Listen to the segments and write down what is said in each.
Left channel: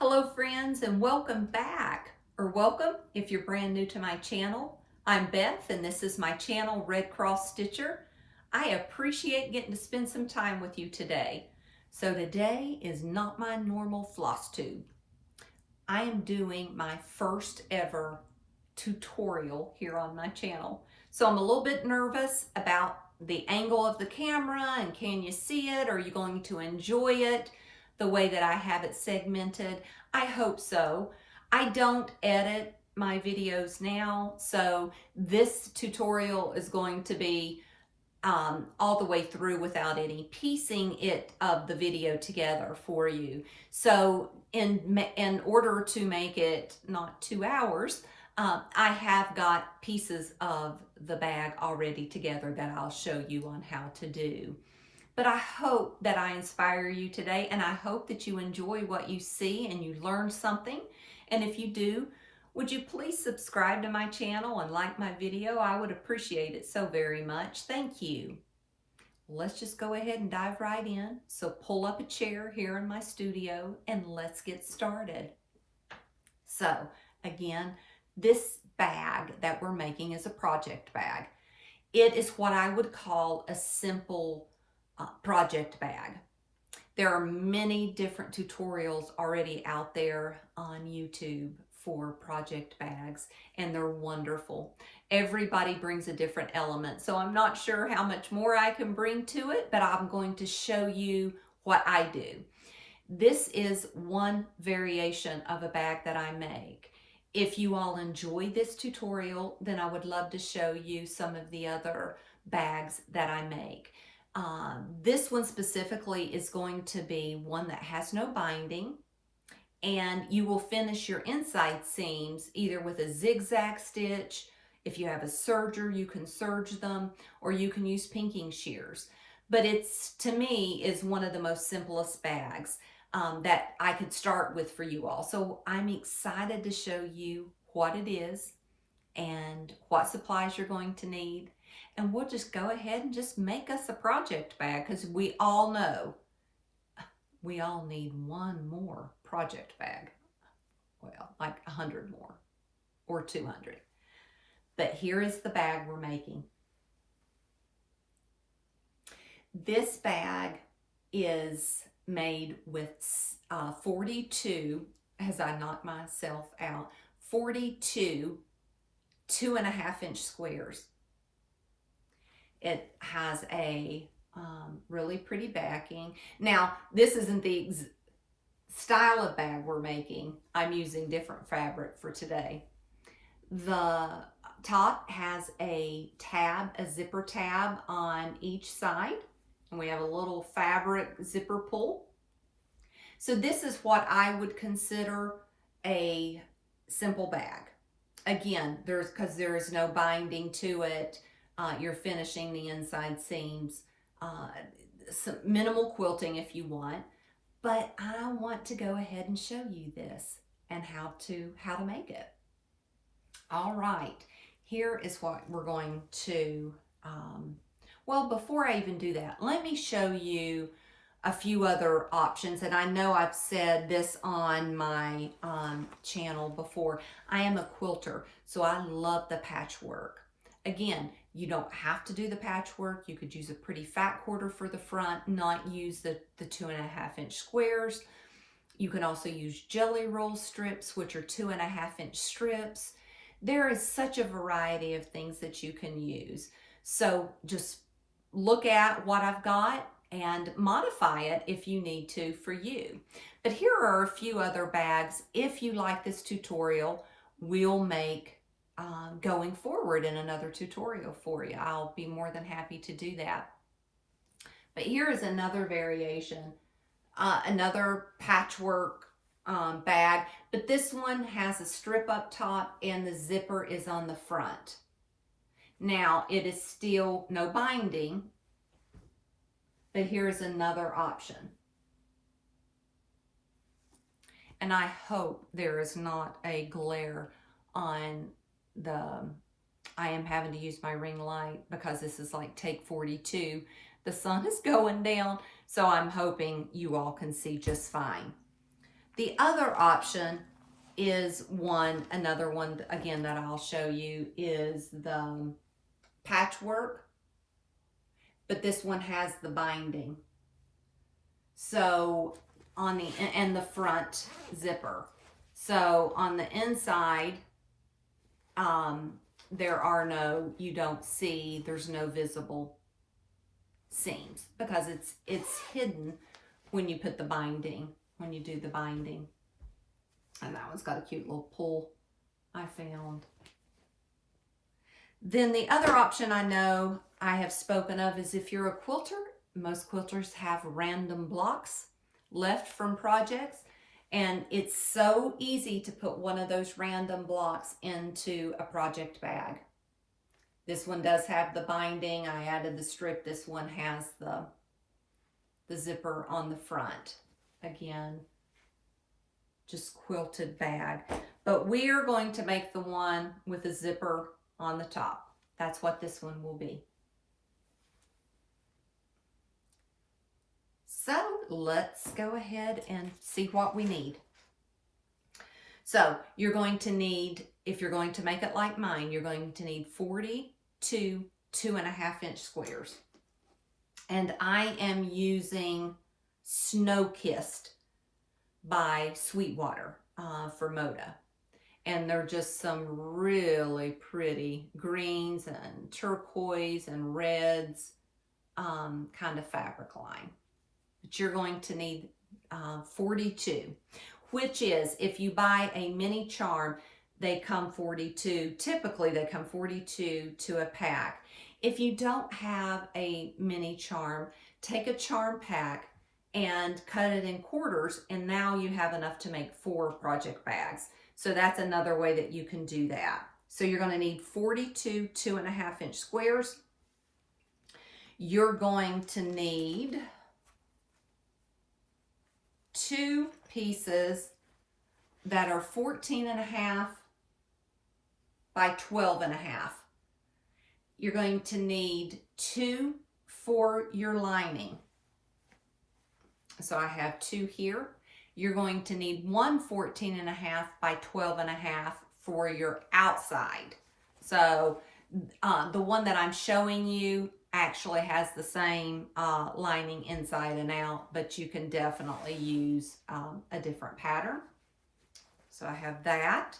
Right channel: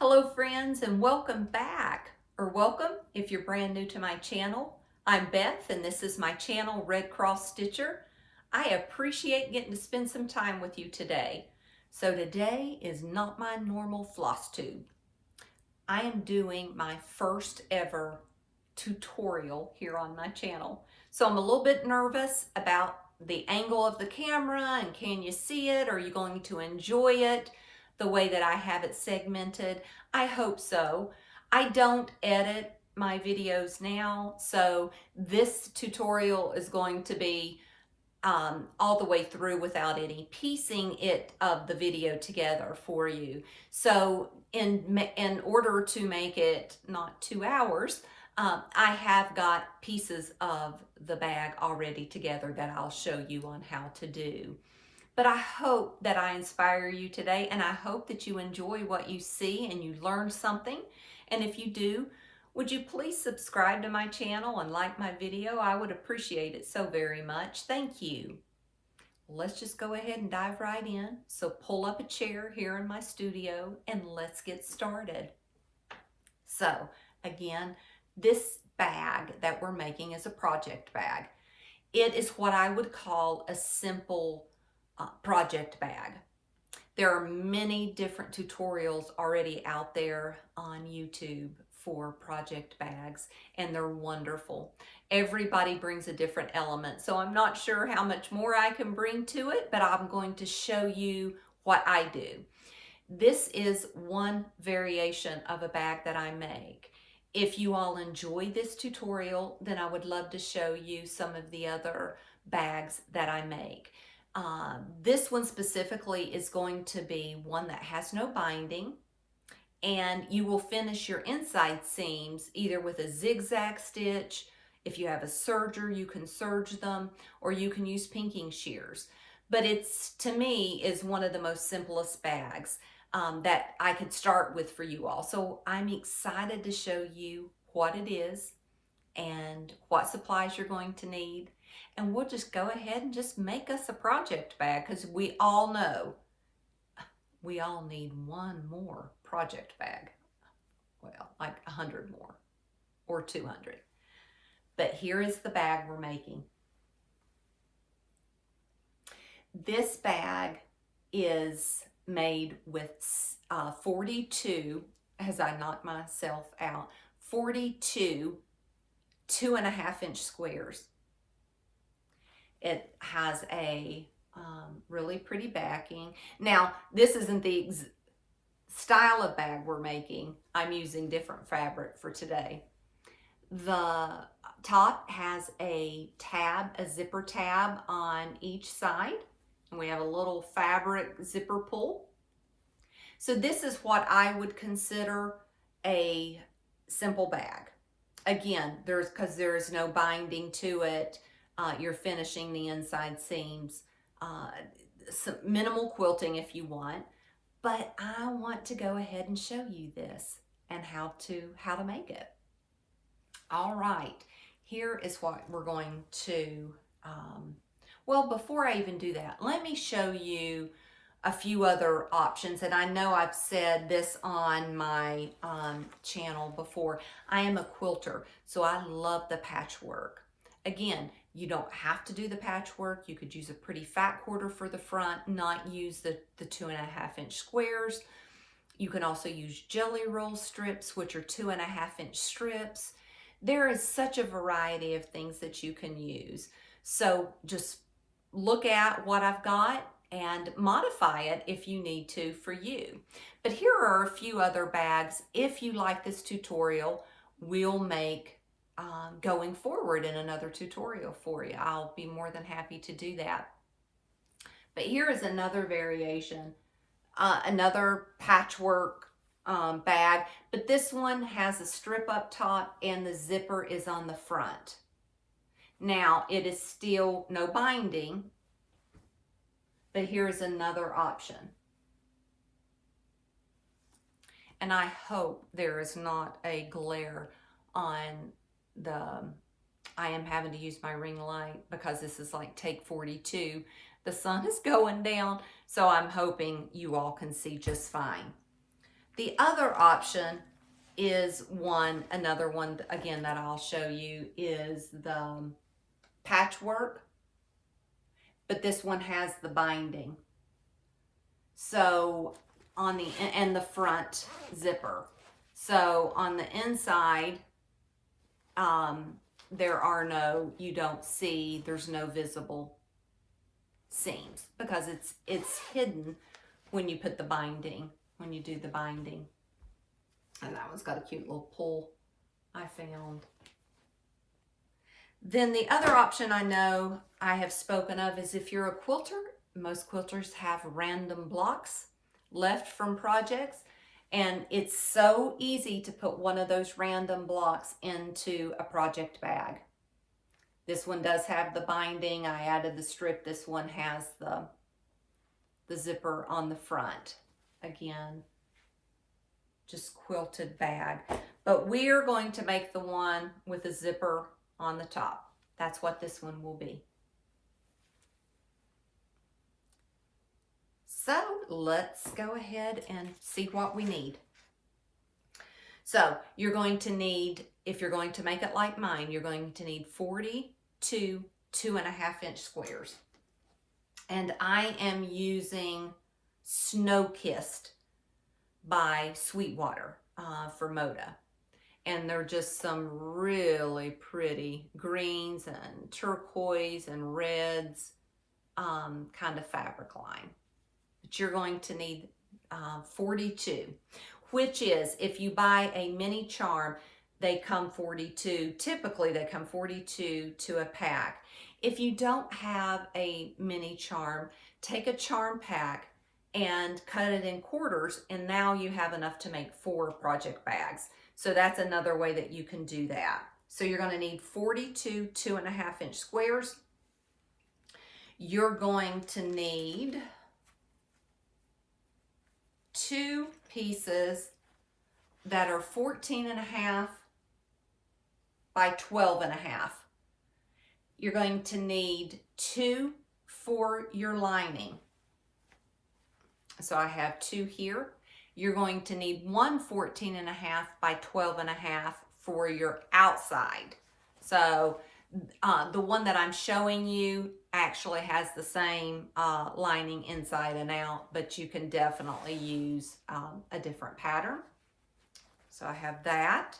Hello friends, and welcome back, or welcome if you're brand new to my channel. I'm Beth and this is my channel, Redcrossstitcher. I appreciate getting to spend some time with you today. So today is not my normal floss tube. I am doing my first ever tutorial here on my channel. So I'm a little bit nervous about the angle of the camera and can you see it? Are you going to enjoy it the way that I have it segmented? I hope so. I don't edit my videos now, so this tutorial is going to be all the way through without any piecing it of the video together for you. So in order to make it not 2 hours, I have got pieces of the bag already together that I'll show you on how to do. But I hope that I inspire you today, and I hope that you enjoy what you see and you learn something. And if you do, would you please subscribe to my channel and like my video? I would appreciate it so very much. Thank you. Let's just go ahead and dive right in. So pull up a chair here in my studio and let's get started. So again, this bag that we're making is a project bag. It is what I would call a simple project bag. There are many different tutorials already out there on YouTube for project bags, and they're wonderful. Everybody brings a different element, so I'm not sure how much more I can bring to it, but I'm going to show you what I do. This is one variation of a bag that I make. If you all enjoy this tutorial, then I would love to show you some of the other bags that I make. This one specifically is going to be one that has no binding, and you will finish your inside seams either with a zigzag stitch. If you have a serger, you can serge them, or you can use pinking shears. But it's, to me, is one of the most simplest bags that I could start with for you all. So I'm excited to show you what it is and what supplies you're going to need. And we'll just go ahead and just make us a project bag, because we all know we all need one more project bag. Well, like 100 more or 200. But here is the bag we're making. This bag is made with 42, as I knock myself out, 42 2.5-inch squares. It has a really pretty backing. Now, this isn't the style of bag we're making. I'm using different fabric for today. The top has a tab, a zipper tab on each side, and we have a little fabric zipper pull. So this is what I would consider a simple bag. Again, because there's no binding to it. You're finishing the inside seams, some minimal quilting if you want, but I want to go ahead and show you this and how to make it. All right, here is what we're going to, well, before I even do that, let me show you a few other options. And I know I've said this on my channel before. I am a quilter, so I love the patchwork. Again, you don't have to do the patchwork. You could use a pretty fat quarter for the front, not use the 2.5-inch squares. You can also use jelly roll strips, which are 2.5-inch strips. There is such a variety of things that you can use. So just look at what I've got and modify it if you need to for you. But here are a few other bags. If you like this tutorial, we'll make going forward in another tutorial for you. I'll be more than happy to do that. But here is another variation, another patchwork bag, but this one has a strip up top and the zipper is on the front. Now, it is still no binding, but here's another option. And I hope there is not a glare on I am having to use my ring light because this is like take 42. The sun is going down, so I'm hoping you all can see just fine. The other option is another one again that I'll show you is the patchwork, but this one has the binding. So on the front zipper. So on the inside, there's no visible seams because it's hidden when you put the binding, when you do the binding. And that one's got a cute little pull I found. Then the other option I know I have spoken of is if you're a quilter, most quilters have random blocks left from projects, and it's so easy to put one of those random blocks into a project bag. This one does have the binding. I added the strip. This one has the zipper on the front. Again, just quilted bag. But we are going to make the one with a zipper on the top. That's what this one will be. So let's go ahead and see what we need. So you're going to need, if you're going to make it like mine, you're going to need 42 2.5-inch squares. And I am using Snow Kissed by Sweetwater for Moda. And they're just some really pretty greens and turquoise and reds kind of fabric line. But you're going to need 42, which is, if you buy a mini charm, they come 42. Typically, they come 42 to a pack. If you don't have a mini charm, take a charm pack and cut it in quarters, and now you have enough to make 4 project bags. So that's another way that you can do that. So you're going to need 42 2.5-inch squares. You're going to need 2 pieces that are 14.5 by 12.5. You're going to need 2 for your lining. So I have 2 here. You're going to need 1 14.5 by 12.5 for your outside. So the one that I'm showing you actually has the same lining inside and out, but you can definitely use a different pattern. So I have that.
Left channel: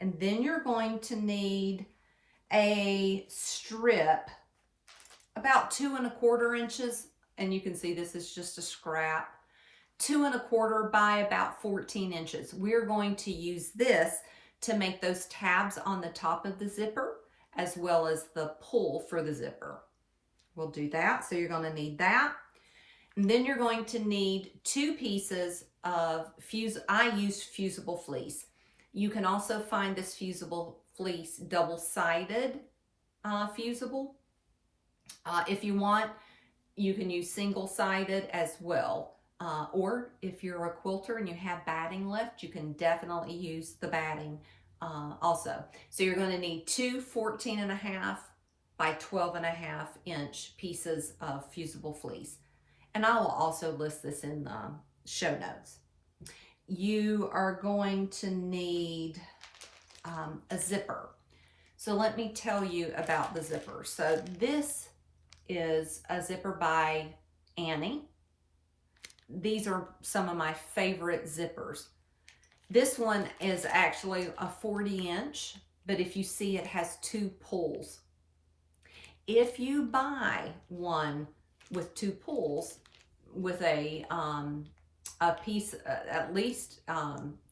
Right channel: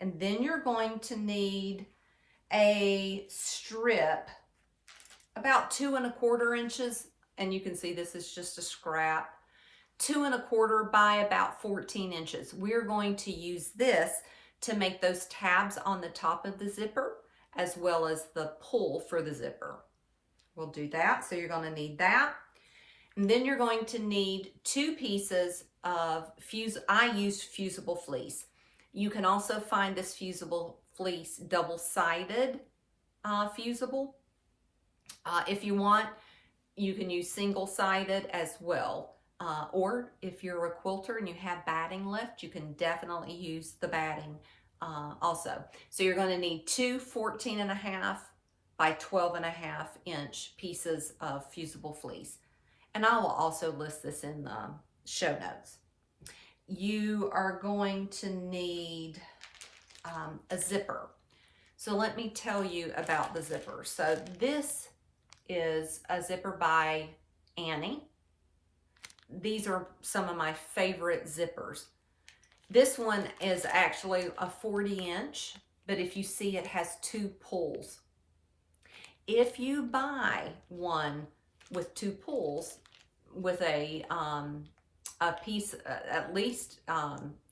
And then you're going to need a strip about 2 1/4 inches, and you can see this is just a scrap, 2 1/4 by about 14 inches. We're going to use this to make those tabs on the top of the zipper, as well as the pull for the zipper. We'll do that. So you're going to need that. And then you're going to need 2 pieces of I used Fusible Fleece. You can also find this Fusible Fleece double-sided fusible. If you want, you can use single-sided as well. Or if you're a quilter and you have batting left, you can definitely use the batting also. So you're going to need 2 14.5 by 12.5 inch pieces of Fusible Fleece. And I will also list this in the show notes. You are going to need a zipper. So let me tell you about the zipper. So this is a zipper by Annie. These are some of my favorite zippers. This one is actually a 40-inch, but if you see, it has 2 pulls. If you buy one with 2 pulls with a piece at least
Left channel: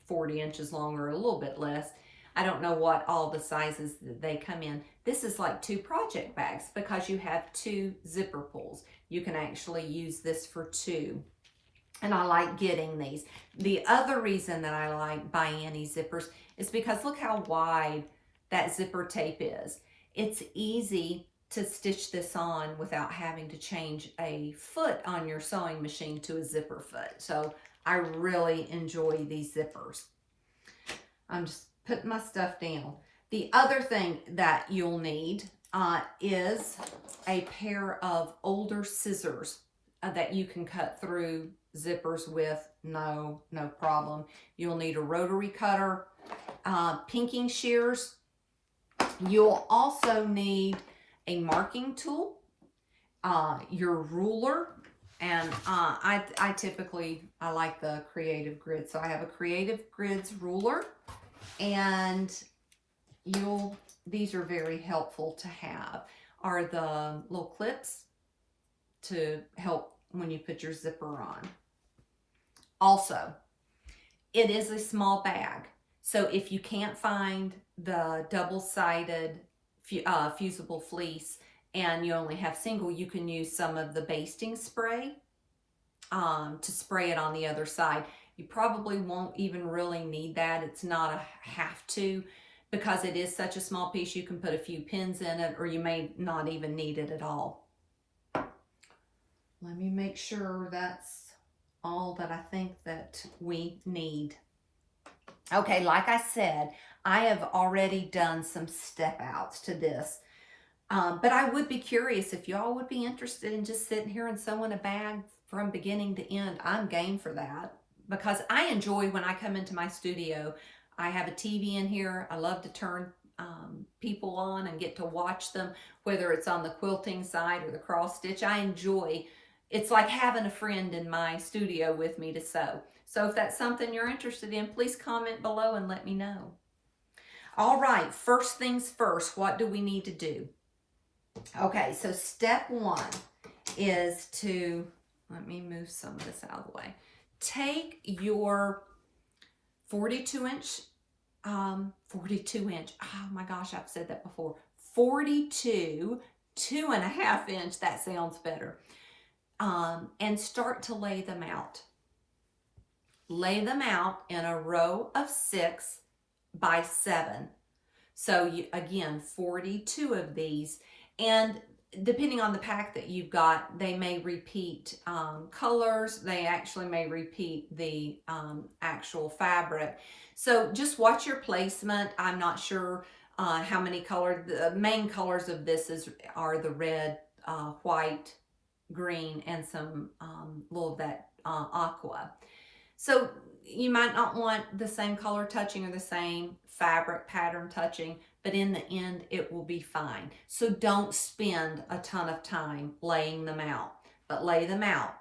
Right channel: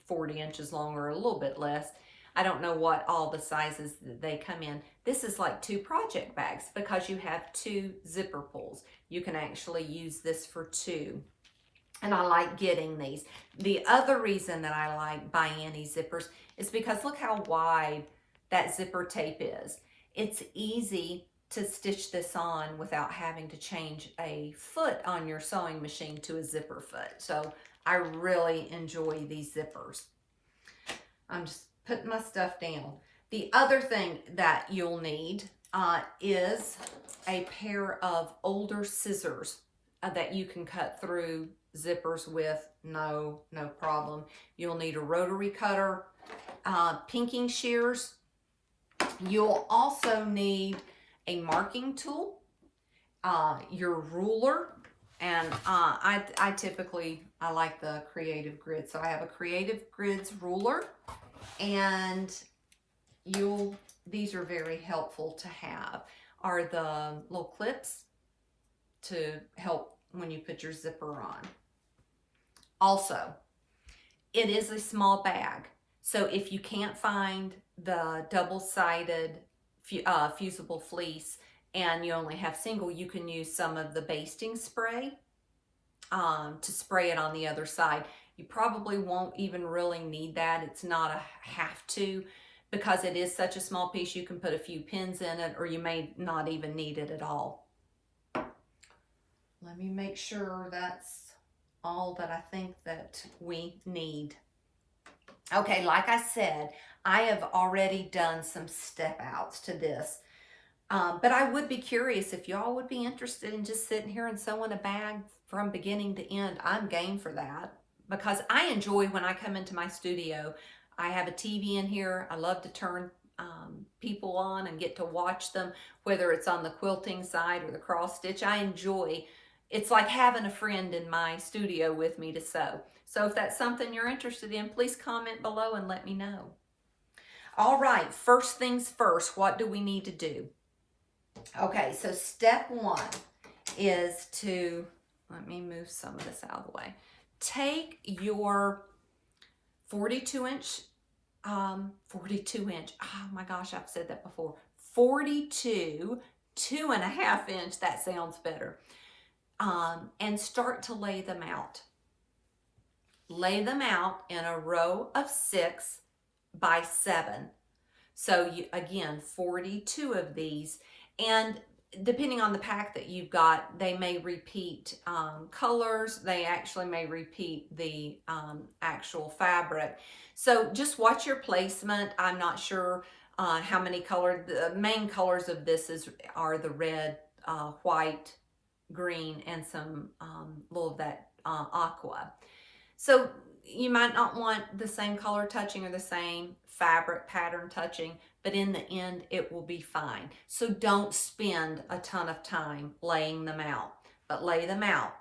40 inches long or a little bit less, I don't know what all the sizes that they come in. This is like 2 project bags because you have 2 zipper pulls. You can actually use this for 2. And I like getting these. The other reason that I like By Annie zippers is because look how wide that zipper tape is. It's easy to stitch this on without having to change a foot on your sewing machine to a zipper foot. So I really enjoy these zippers. I'm just putting my stuff down. The other thing that you'll need is a pair of older scissors that you can cut through zippers with, no problem. You'll need a rotary cutter, pinking shears. You'll also need a marking tool, your ruler, and I like the Creative Grid, so I have a Creative Grids ruler, and these are very helpful to have, are the little clips to help when you put your zipper on. Also, it is a small bag, so if you can't find the double-sided Fusible Fleece and you only have single, you can use some of the Basting Spray to spray it on the other side. You probably won't even really need that. It's not a have to, because it is such a small piece. You can put a few pins in it, or you may not even need it at all. Let me make sure that's all that I think that we need. Okay, like I said, I have already done some step outs to this. But I would be curious if y'all would be interested in just sitting here and sewing a bag from beginning to end. I'm game for that, because I enjoy when I come into my studio. I have a TV in here. I love to turn people on and get to watch them, whether it's on the quilting side or the cross stitch. I enjoy, it's like having a friend in my studio with me to sew. So if that's something you're interested in, please comment below and let me know. All right, first things first, what do we need to do? Okay, so step one is to, let me move some of this out of the way. Take your 42 inch, oh my gosh, I've said that before, 42, 2.5 inch, that sounds better, and start to lay them out. Lay them out in a row of 6 by 7. So again, 42 of these, and depending on the pack that you've got, they may repeat colors. They actually may repeat the actual fabric. So just watch your placement. I'm not sure how many colors. The main colors of this are the red, white, green, and some little of that aqua. So you might not want the same color touching or the same fabric pattern touching, but in the end, it will be fine. So don't spend a ton of time laying them out, but lay them out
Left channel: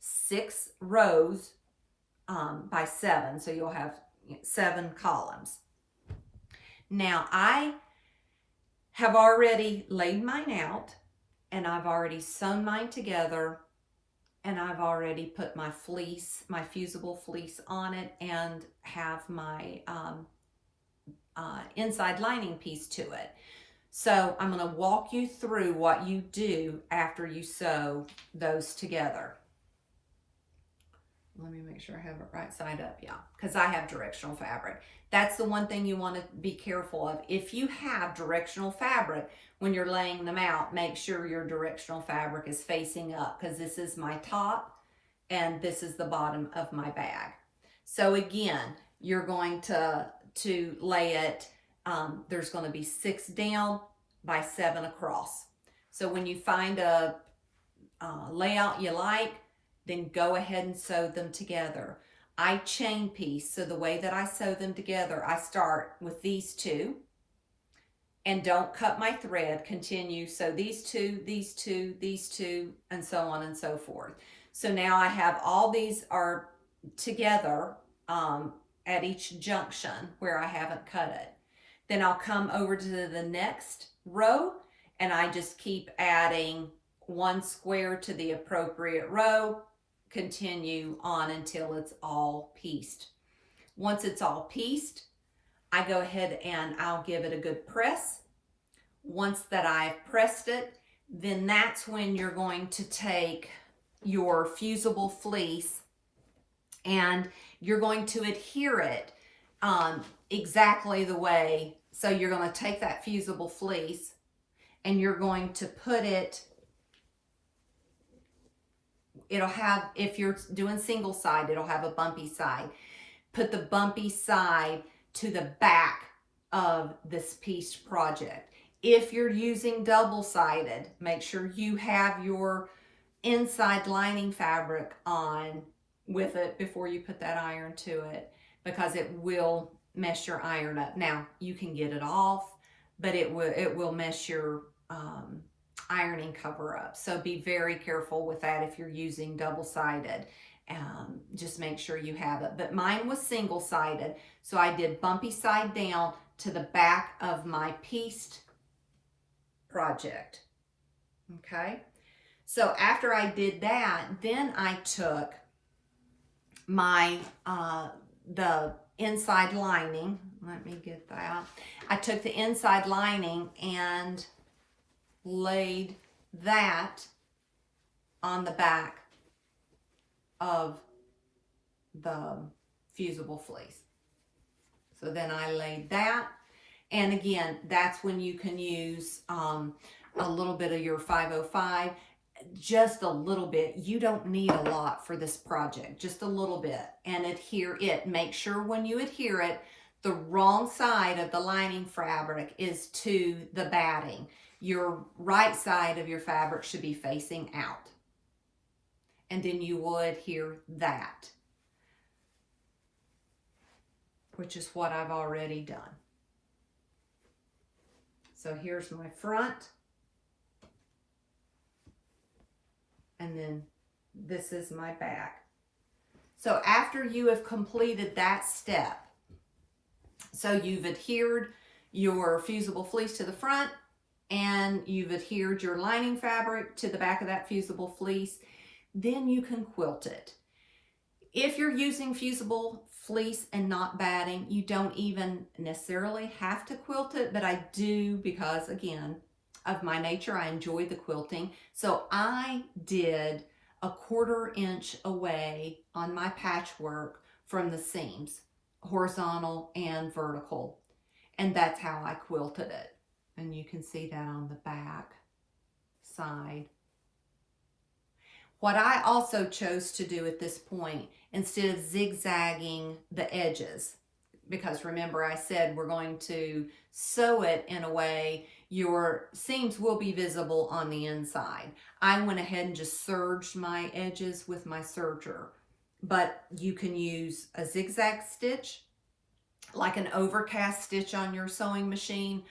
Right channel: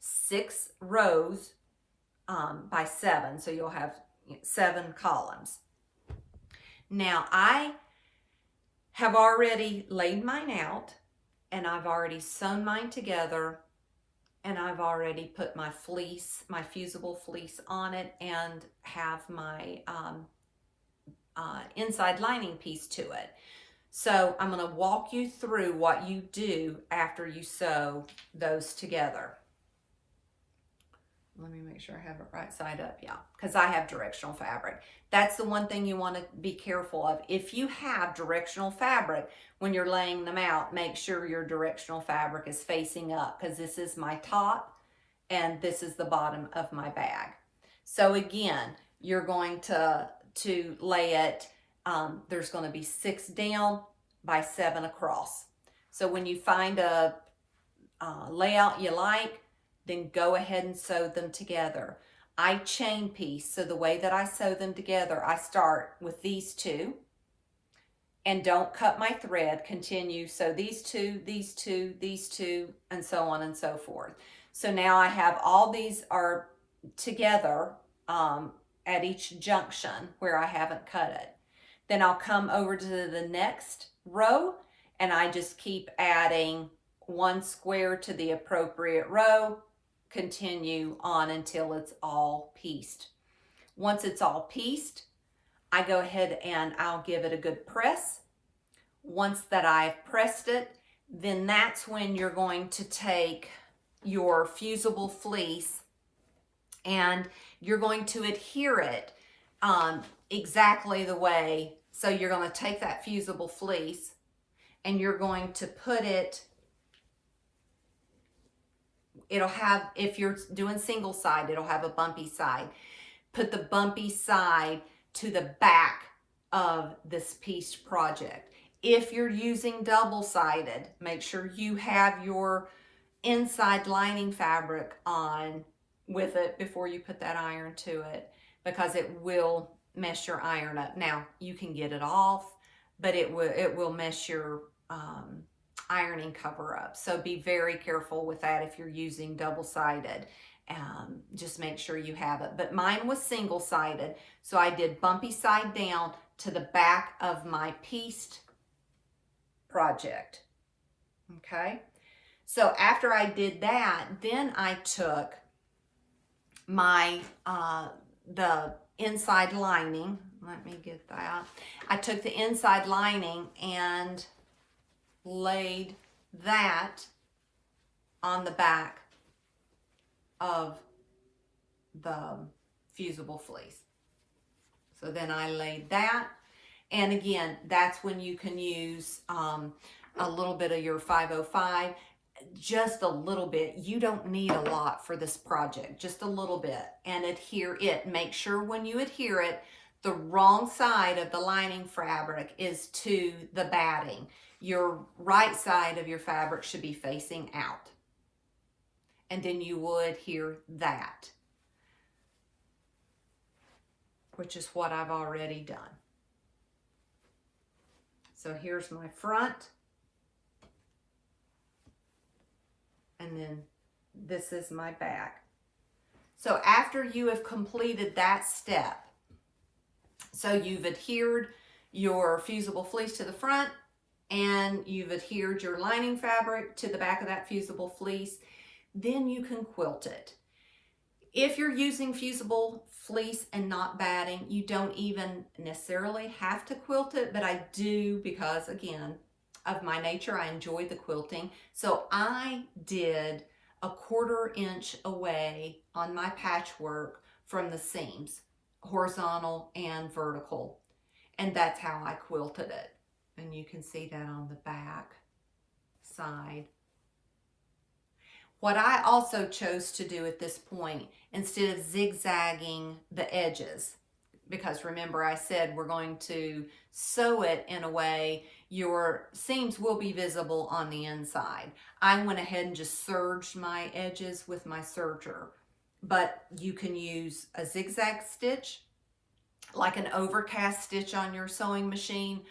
6 rows by 7. So you'll have 7 columns. Now I have already laid mine out, and I've already sewn mine together, and I've already put my fleece, my Fusible Fleece on it, and have my inside lining piece to it. So I'm going to walk you through what you do after you sew those together. Let me make sure I have it right side up. Yeah, because I have directional fabric. That's the one thing you want to be careful of. If you have directional fabric, when you're laying them out, make sure your directional fabric is facing up, because this is my top and this is the bottom of my bag. So again, you're going to lay it, there's going to be 6 down by 7 across. So when you find a layout you like, then go ahead and sew them together. I chain piece, so the way that I sew them together, I start with these 2, and don't cut my thread, continue, so these 2, these 2, these 2, and so on and so forth. So now I have all these are together at each junction where I haven't cut it. Then I'll come over to the next row, and I just keep adding 1 square to the appropriate row, continue on until it's all pieced. Once it's all pieced, I go ahead and I'll give it a good press. Once that I've pressed it, then that's when you're going to take your Fusible Fleece and you're going to adhere it exactly the way. So you're going to take that Fusible Fleece and you're going to put it, it'll have, if you're doing single side, it'll have a bumpy side. Put the bumpy side to the back of this pieced project. If you're using double-sided, make sure you have your inside lining fabric on with it before you put that iron to it, because it will mess your iron up. Now, you can get it off, but it will mess your ironing cover up. So be very careful with that if you're using double-sided. Just make sure you have it. But mine was single-sided, so I did bumpy side down to the back of my pieced project. Okay, so after I did that, then I took my the inside lining. Let me get that. I took the inside lining and laid that on the back of the Fusible Fleece. So then I laid that, and again, that's when you can use a little bit of your 505, just a little bit. You don't need a lot for this project, just a little bit, and adhere it. Make sure when you adhere it, the wrong side of the lining fabric is to the batting. Your right side of your fabric should be facing out, and then you will adhere that, which is what I've already done. So here's my front, and then this is my back. So after you have completed that step, so you've adhered your Fusible Fleece to the front, and you've adhered your lining fabric to the back of that Fusible Fleece, then you can quilt it. If you're using Fusible Fleece and not batting, you don't even necessarily have to quilt it, but I do, because again, of my nature, I enjoy the quilting. So I did a 1/4 inch away on my patchwork from the seams, horizontal and vertical. And that's how I quilted it. And you can see that on the back side. What I also chose to do at this point, instead of zigzagging the edges, because remember I said we're going to sew it in a way your seams will be visible on the inside. I went ahead and just serged my edges with my serger, but you can use a zigzag stitch, like an overcast stitch on your sewing machine,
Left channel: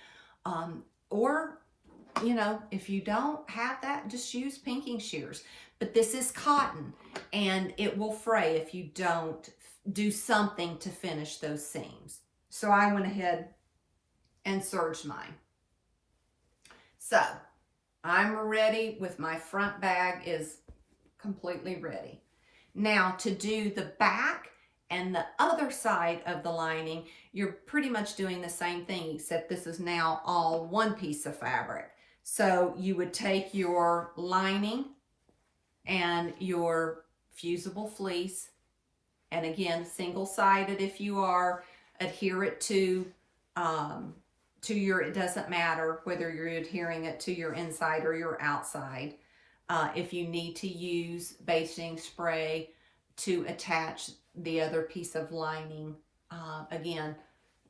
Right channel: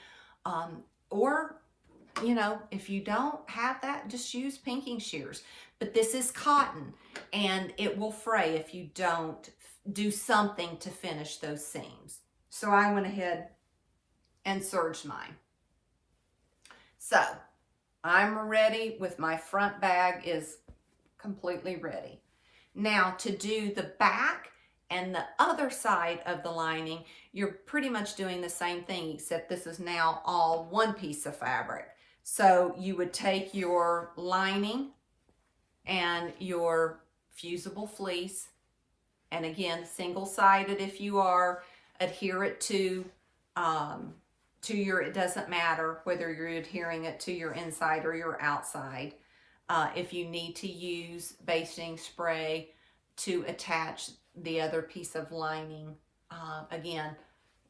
or, you know, if you don't have that, just use pinking shears. But this is cotton, and it will fray if you don't do something to finish those seams. So I went ahead and serged mine. So I'm ready with my front bag is completely ready. Now to do the back and the other side of the lining, you're pretty much doing the same thing, except this is now all one piece of fabric. So you would take your lining and your Fusible Fleece, and again, single-sided if you are, adhere it to your, it doesn't matter whether you're adhering it to your inside or your outside. If you need to use basting spray to attach the other piece of lining, again,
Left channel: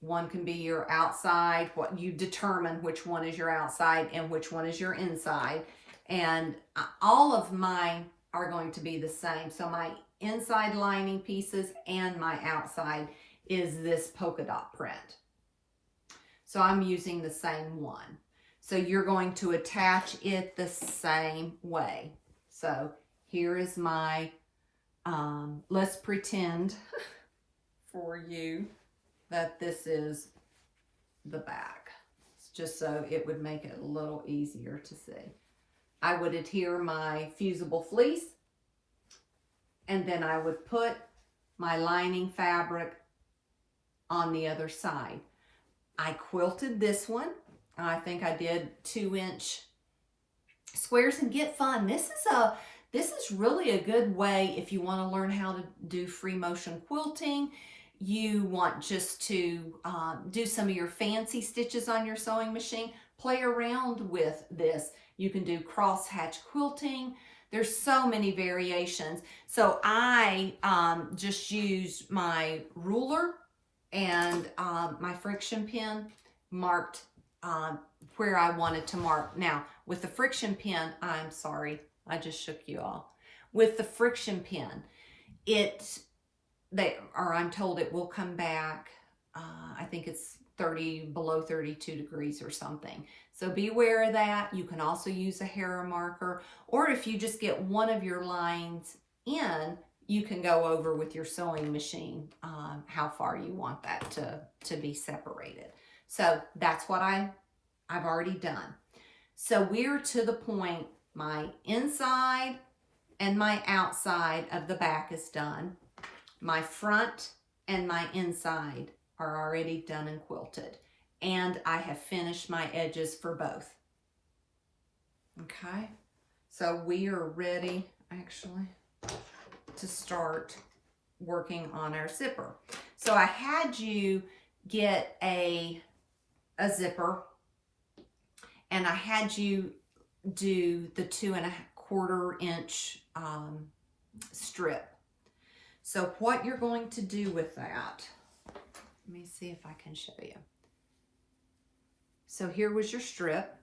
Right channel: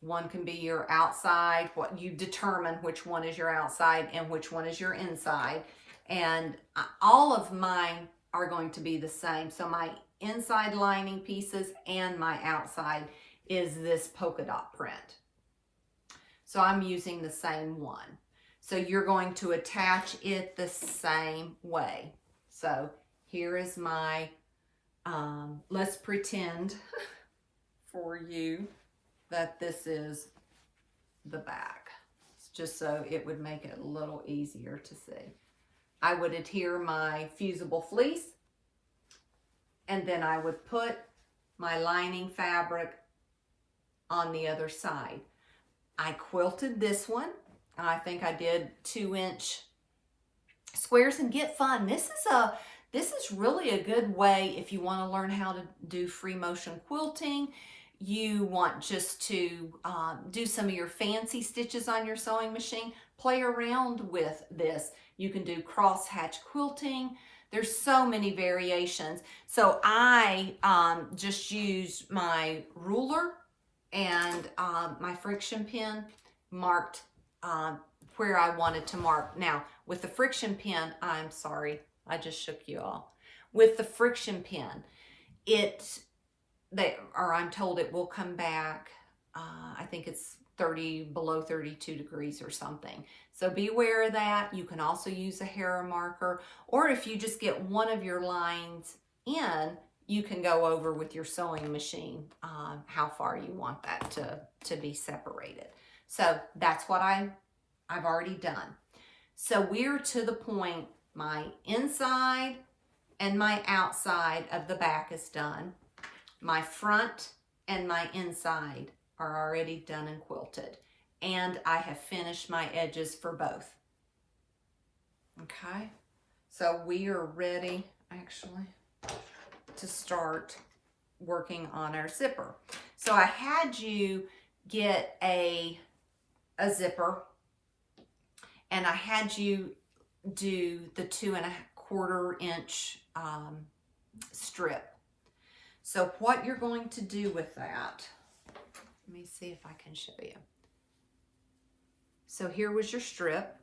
one can be your outside, what you determine which one is your outside and which one is your inside. And all of mine are going to be the same. So my inside lining pieces and my outside is this polka dot print. So I'm using the same one. So you're going to attach it the same way. So here is my, let's pretend for you that this is the back, just so it would make it a little easier to see. I would adhere my Fusible Fleece, and then I would put my lining fabric on the other side. I quilted this one. I think I did 2-inch squares, and get fun. This is really a good way if you want to learn how to do free motion quilting. You want just to do some of your fancy stitches on your sewing machine. Play around with this. You can do cross hatch quilting. There's so many variations. So I just used my ruler and my friction pin, marked where I wanted to mark. Now with the friction pin, I'm sorry, I just shook you all. With the friction pin, I'm told it will come back, I think it's below 32 degrees or something. So be aware of that. You can also use a hair marker, or if you just get one of your lines in, you can go over with your sewing machine how far you want that to be separated. So that's what I've already done. So we're to the point, my inside and my outside of the back is done. My front and my inside are already done and quilted. And I have finished my edges for both. Okay, so we are ready actually to start working on our zipper. So I had you get a zipper, and I had you do the 2¼ inch strip. So what you're going to do with that, let me see if I can show you. So here was your strip.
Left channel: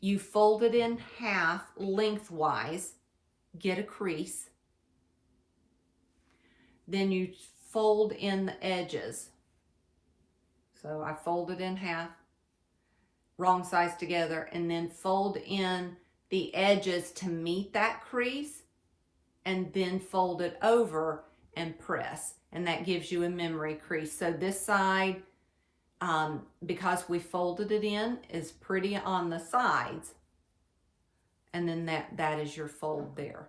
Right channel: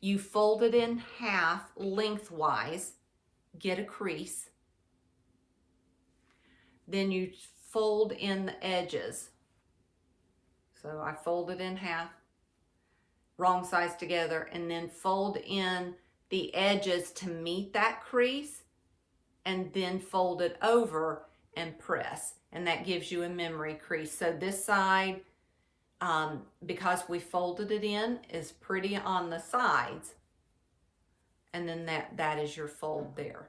You fold it in half lengthwise, get a crease. Then you fold in the edges. So I fold it in half, wrong sides together, and then fold in the edges to meet that crease, and then fold it over and press. And that gives you a memory crease. So this side, because we folded it in, is pretty on the sides. And then that is your fold there.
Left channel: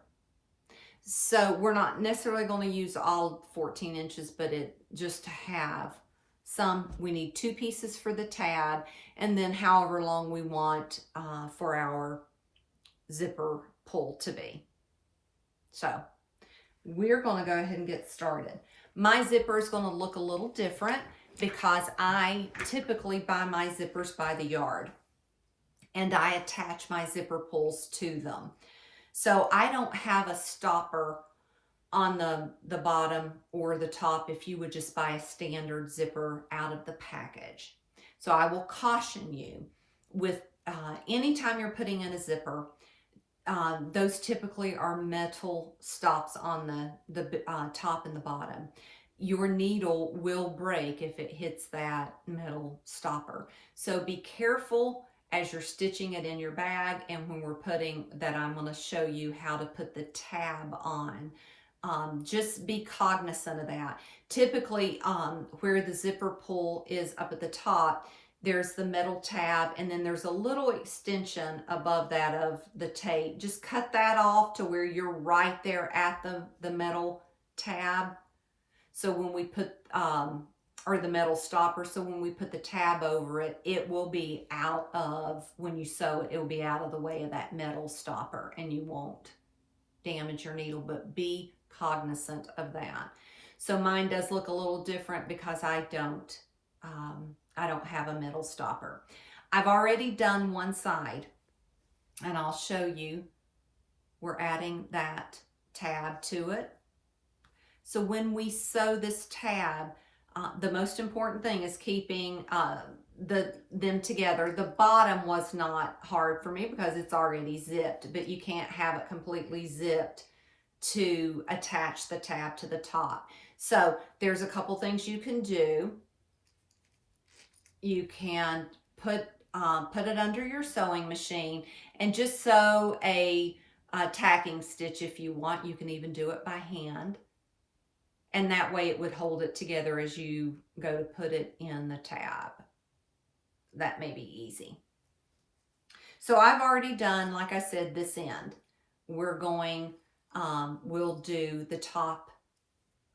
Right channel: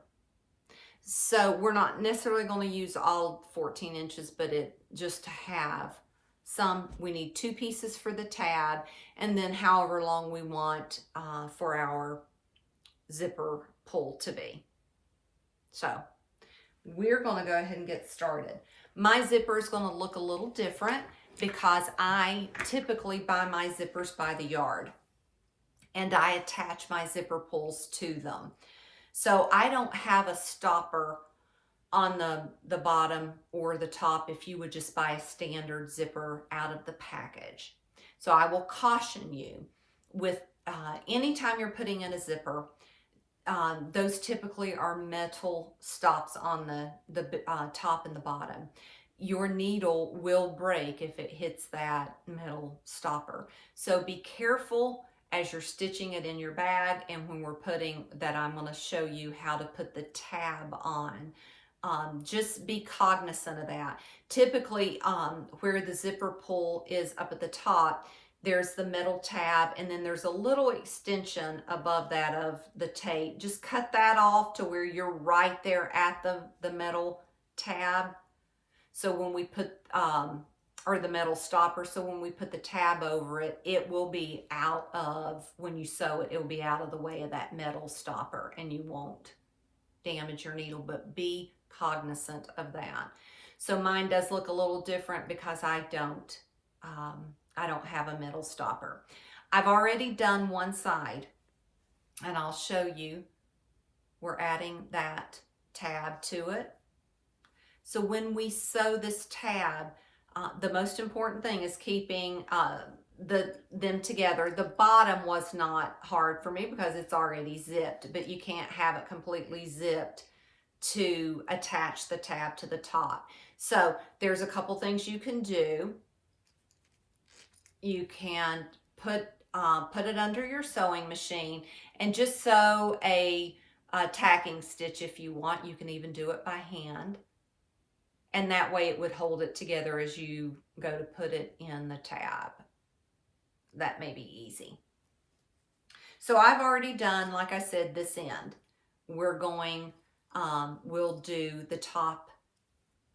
So we're not necessarily going to use all 14 inches, but just to have some, we need 2 pieces for the tab, and then however long we want for our zipper pull to be. So we're going to go ahead and get started. My zipper is going to look a little different because I typically buy my zippers by the yard, and I attach my zipper pulls to them. So I don't have a stopper on the bottom or the top if you would just buy a standard zipper out of the package. So I will caution you with anytime you're putting in a zipper, those typically are metal stops on the top and the bottom. Your needle will break if it hits that metal stopper. So be careful as you're stitching it in your bag, and when we're putting that, I'm going to show you how to put the tab on. Just be cognizant of that. Typically, where the zipper pull is up at the top, there's the metal tab, and then there's a little extension above that of the tape. Just cut that off to where you're right there at the metal tab. So when we put, or the metal stopper, so when we put the tab over it, it will be out of, when you sew it, it will be out of the way of that metal stopper, and you won't damage your needle, but be cognizant of that. So mine does look a little different because I don't have a metal stopper. I've already done one side, and I'll show you. We're adding that tab to it. So when we sew this tab, the most important thing is keeping them together. The bottom was not hard for me because it's already zipped, but you can't have it completely zipped to attach the tab to the top. So there's a couple things you can do. You can put it under your sewing machine and just sew a tacking stitch if you want. You can even do it by hand. And that way it would hold it together as you go to put it in the tab. That may be easy. So I've already done, like I said, this end. We're going, we'll do the top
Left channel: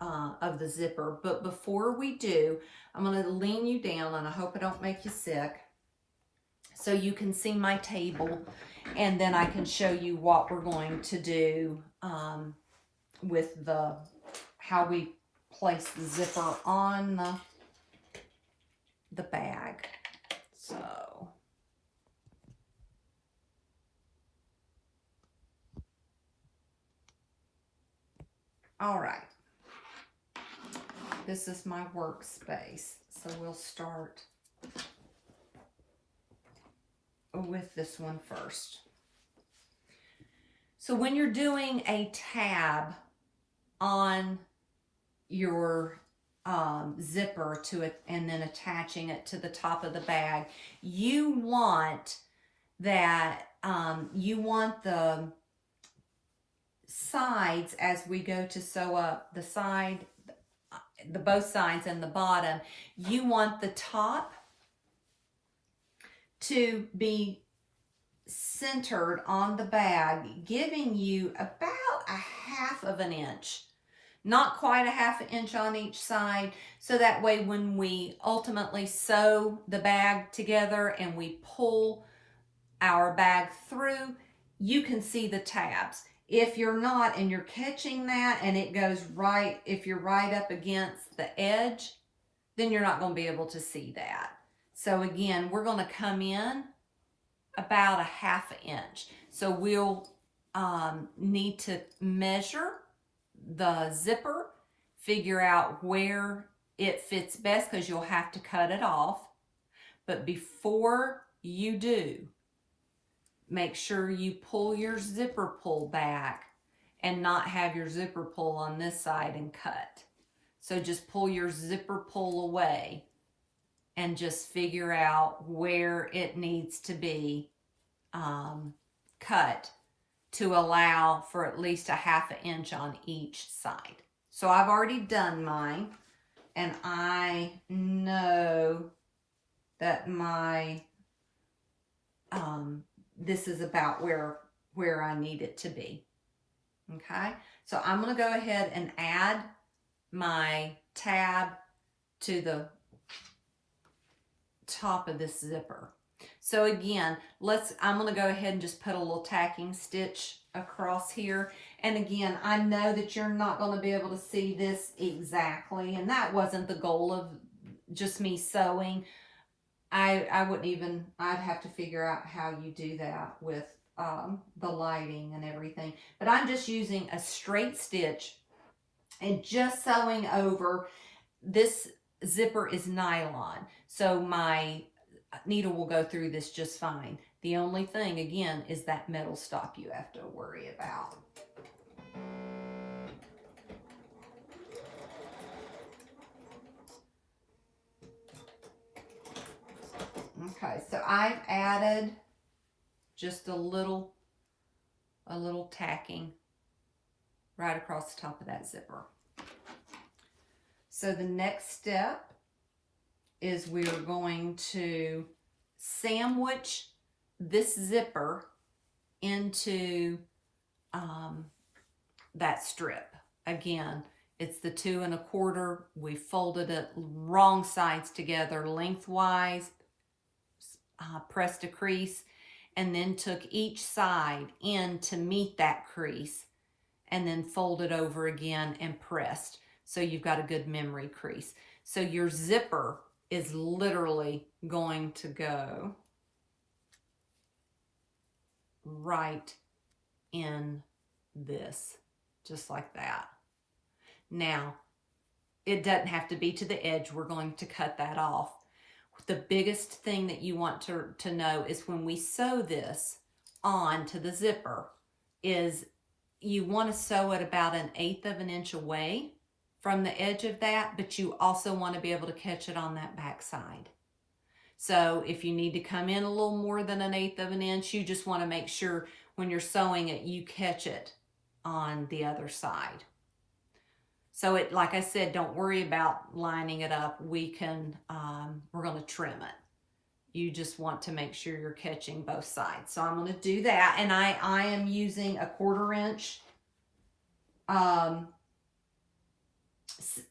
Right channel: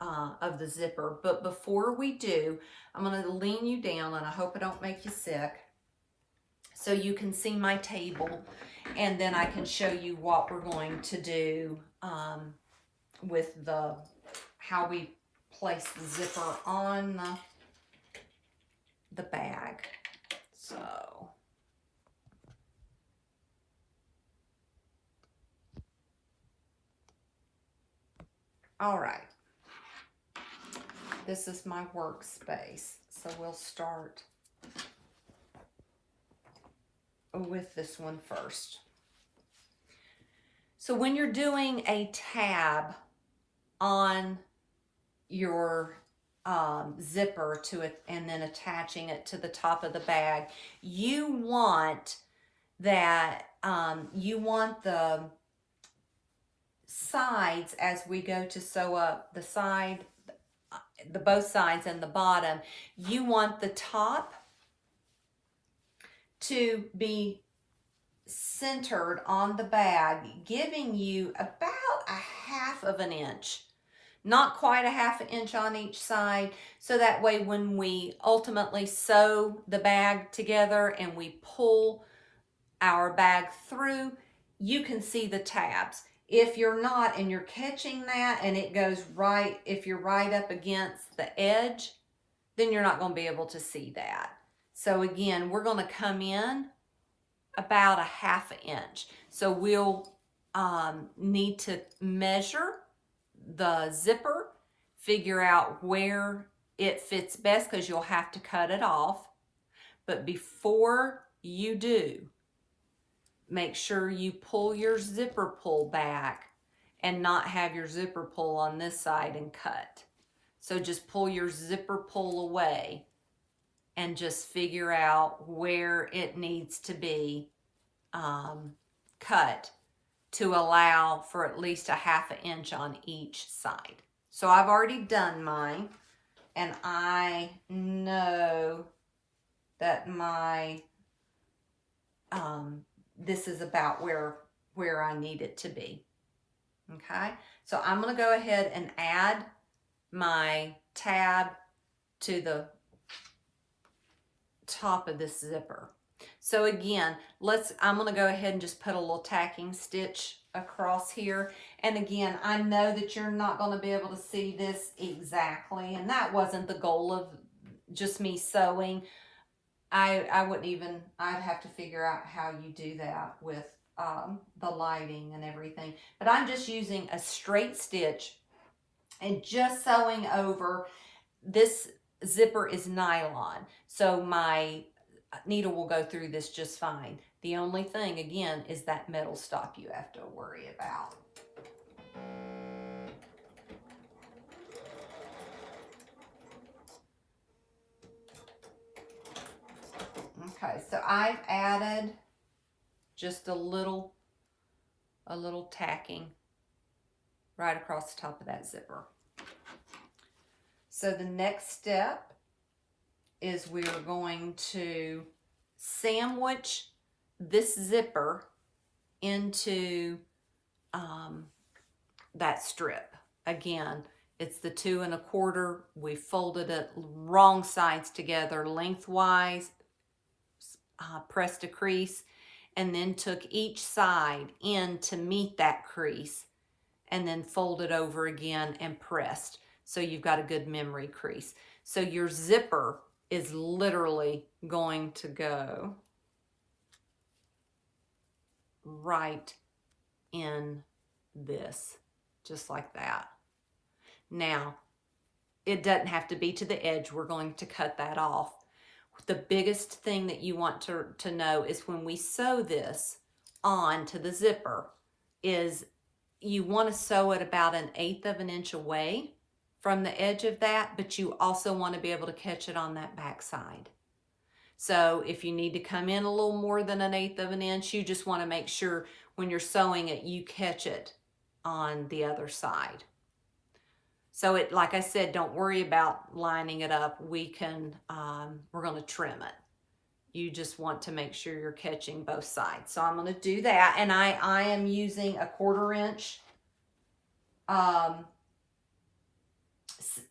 of the zipper. But before we do, I'm going to lean you down, and I hope I don't make you sick, so you can see my table, and then I can show you what we're going to do with how we place the zipper on the bag. So all right, this is my workspace, so we'll start with this one first. So when you're doing a tab on your zipper to it and then attaching it to the top of the bag, you want that, you want the sides, as we go to sew up the side, the both sides and the bottom, you want the top to be centered on the bag, giving you about a half of an inch. Not quite a half an inch on each side, so that way when we ultimately sew the bag together and we pull our bag through, you can see the tabs. If you're not and you're catching that and it goes right, if you're right up against the edge, then you're not going to be able to see that. So again, we're going to come in about a half an inch. So we'll need to measure the zipper, figure out where it fits best, because you'll have to cut it off. But before you do, make sure you pull your zipper pull back and not have your zipper pull on this side and cut. So just pull your zipper pull away and just figure out where it needs to be cut to allow for at least a half an inch on each side. So I've already done mine, and I know that my this is about where I need it to be. Okay, so I'm going to go ahead and add my tab to the top of this zipper. So again, I'm going to go ahead and just put a little tacking stitch across here. And again, I know that you're not going to be able to see this exactly, and that wasn't the goal of just me sewing. I wouldn't even, I'd have to figure out how you do that with the lighting and everything. But I'm just using a straight stitch and just sewing over. This zipper is nylon, so my needle will go through this just fine. The only thing, again, is that metal stop you have to worry about. Okay, so I've added just a little tacking right across the top of that zipper. So the next step is we're going to sandwich this zipper into that strip. Again, it's the 2 1/4. We folded it wrong sides together lengthwise, pressed a crease, and then took each side in to meet that crease, and then folded over again and pressed. So you've got a good memory crease. So your zipper is literally going to go right in this, just like that. Now, it doesn't have to be to the edge. We're going to cut that off. The biggest thing that you want to know is when we sew this onto the zipper is you want to sew it about 1/8 of an inch away from the edge of that, but you also want to be able to catch it on that back side. So if you need to come in a little more than 1/8 of an inch, you just want to make sure when you're sewing it, you catch it on the other side. So it, like I said, don't worry about lining it up. We can, we're going to trim it. You just want to make sure you're catching both sides. So I'm going to do that. And I am using a 1/4 inch,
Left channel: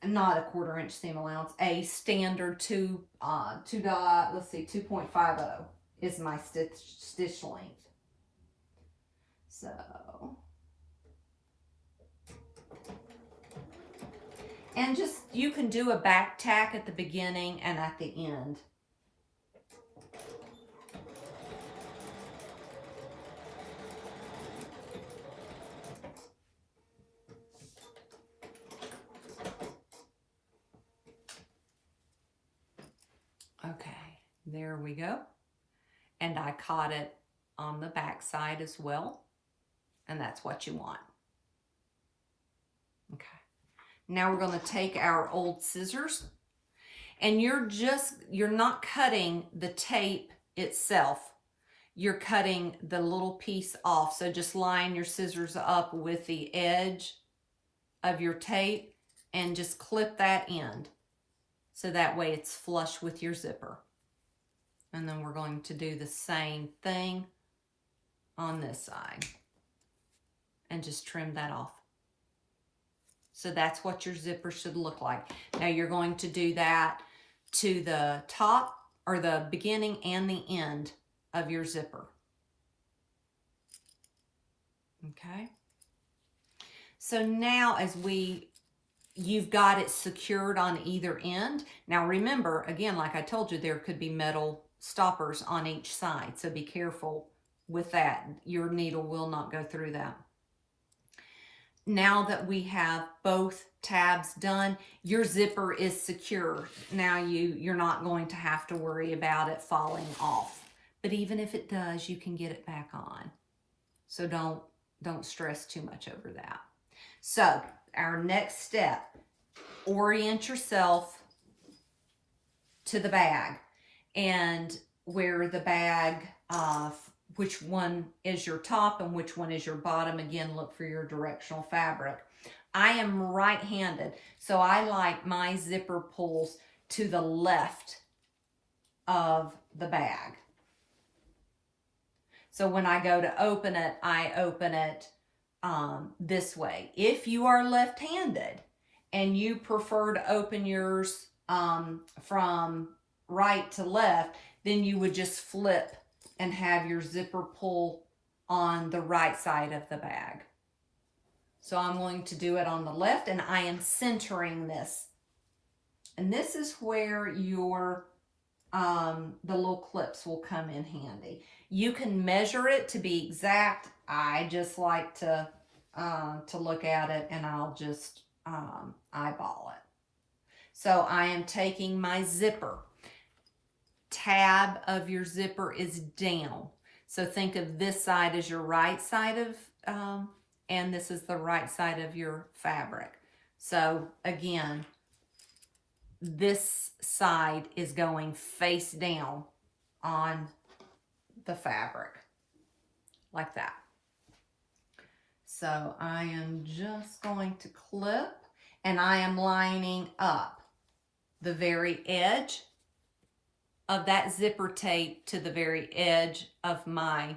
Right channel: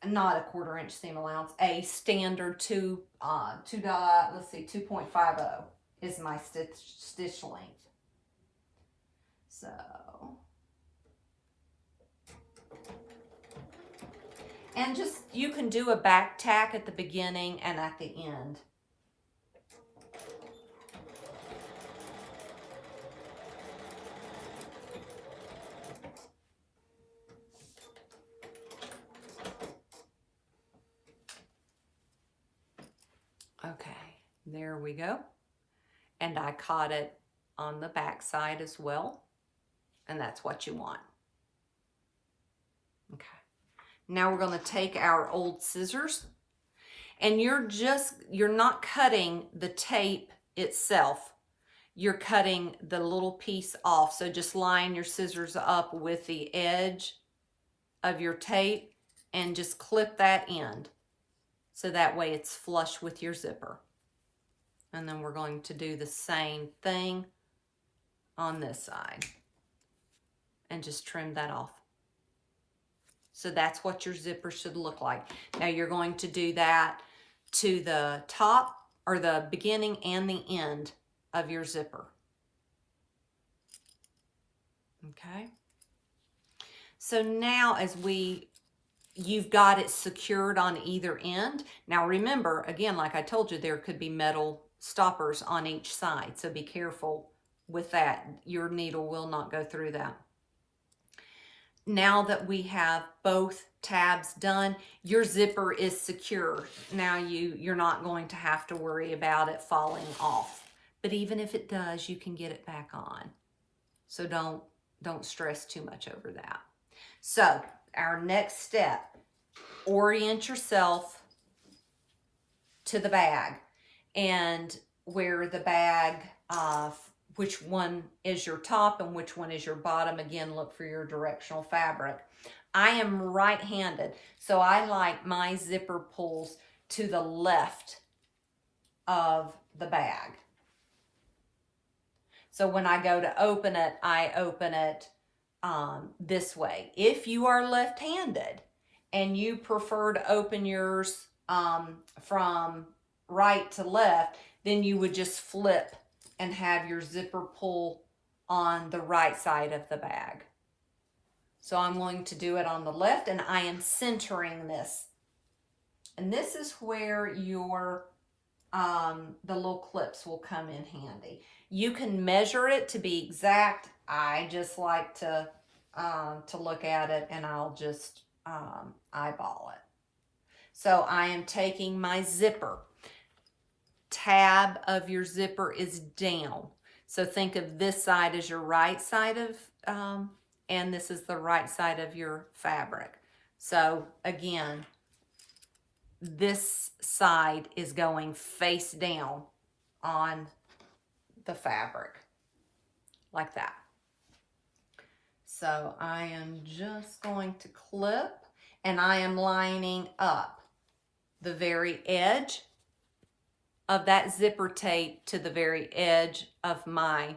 not a 1/4 inch seam allowance, a standard 2.50 is my stitch length. So and just, you can do a back tack at the beginning and at the end. Okay, there we go. And I caught it on the back side as well. And that's what you want. Okay. Now we're going to take our old scissors, and you're not cutting the tape itself. You're cutting the little piece off. So just line your scissors up with the edge of your tape and just clip that end. So that way it's flush with your zipper. And then we're going to do the same thing on this side. And just trim that off. So that's what your zipper should look like. Now you're going to do that to the top, or the beginning and the end of your zipper. Okay. So now you've got it secured on either end. Now remember, again, like I told you, there could be metal stoppers on each side. So be careful with that. Your needle will not go through that. Now that we have both tabs done, your zipper is secure. Now you're not going to have to worry about it falling off. But even if it does, you can get it back on. So don't stress too much over that. So our next step, orient yourself to the bag, and where the bag, which one is your top and which one is your bottom. Again, look for your directional fabric. I am right-handed, so I like my zipper pulls to the left of the bag. So when I go to open it, I open it this way. If you are left-handed and you prefer to open yours from right to left, then you would just flip and have your zipper pull on the right side of the bag. So I'm going to do it on the left, and I am centering this. And this is where your the little clips will come in handy. You can measure it to be exact. I just like to look at it, and I'll just eyeball it. So I am taking my zipper. Tab of your zipper is down. So think of this side as your right side of, and this is the right side of your fabric. So again, this side is going face down on the fabric, like that. So I am just going to clip, and I am lining up the very edge of that zipper tape to the very edge of my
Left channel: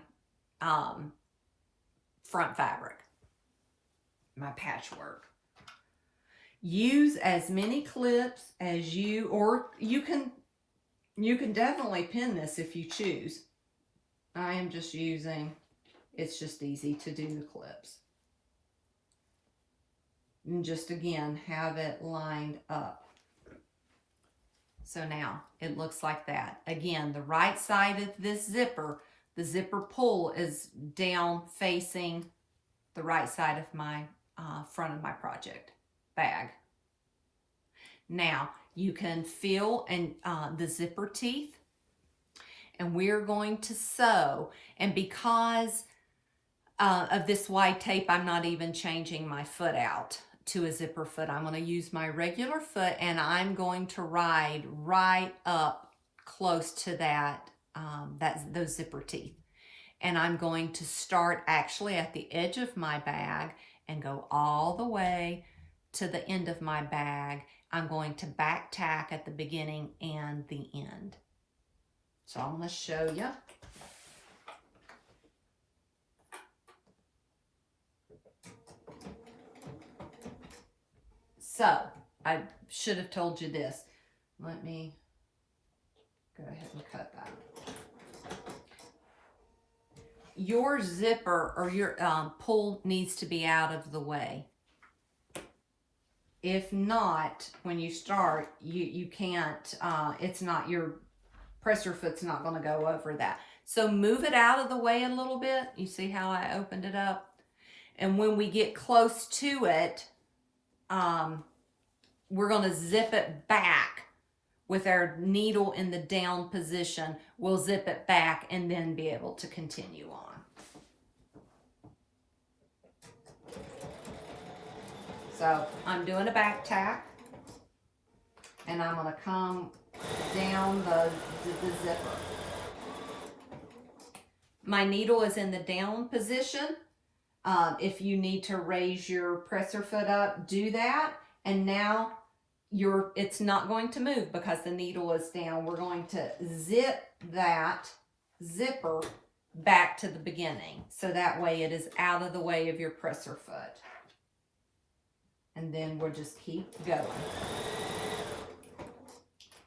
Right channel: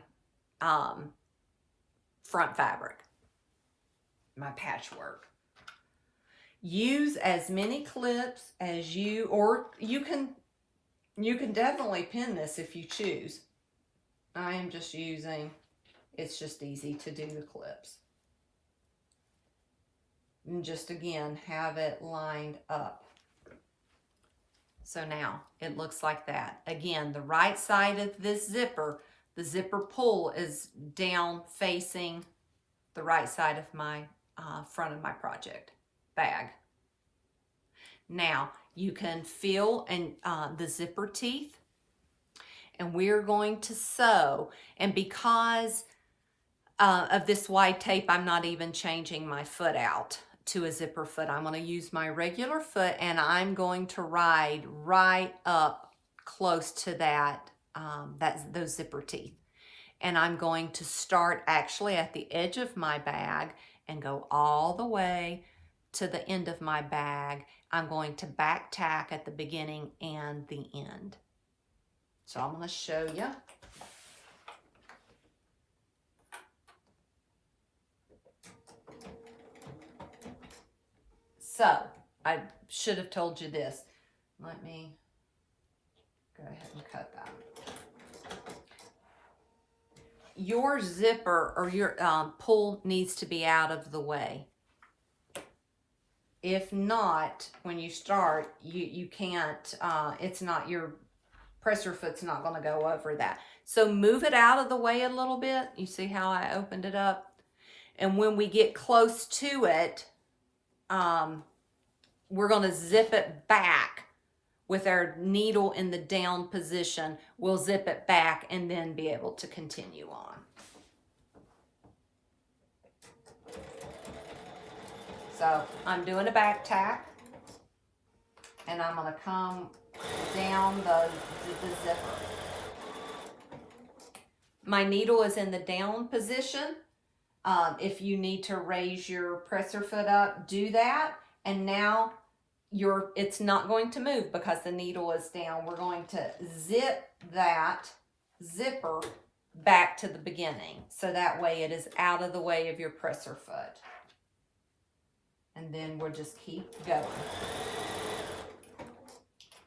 front fabric, my patchwork. Use as many clips as or you can definitely pin this if you choose. I am just using, it's just easy to do the clips. And just again, have it lined up. So now it looks like that. Again, the right side of this zipper, the zipper pull is down facing the right side of my front of my project bag. Now you can feel the zipper teeth, and we're going to sew. And because of this white tape, I'm not even changing my foot out to a zipper foot. I'm going to use my regular foot, and I'm going to ride right up close to that those zipper teeth. And I'm going to start actually at the edge of my bag and go all the way to the end of my bag. I'm going to back tack at the beginning and the end. So I'm going to show you. So I should have told you this. Let me go ahead and cut that. Your zipper or your pull needs to be out of the way. If not, when you start, you can't, it's not, your presser foot's not going to go over that. So move it out of the way a little bit. You see how I opened it up? And when we get close to it, we're going to zip it back with our needle in the down position. We'll zip it back and then be able to continue on. So I'm doing a back tack, and I'm going to come down the zipper. My needle is in the down position. If you need to raise your presser foot up, do that. And now it's not going to move because the needle is down. We're going to zip that zipper back to the beginning. So that way it is out of the way of your presser foot. And then we'll just keep going.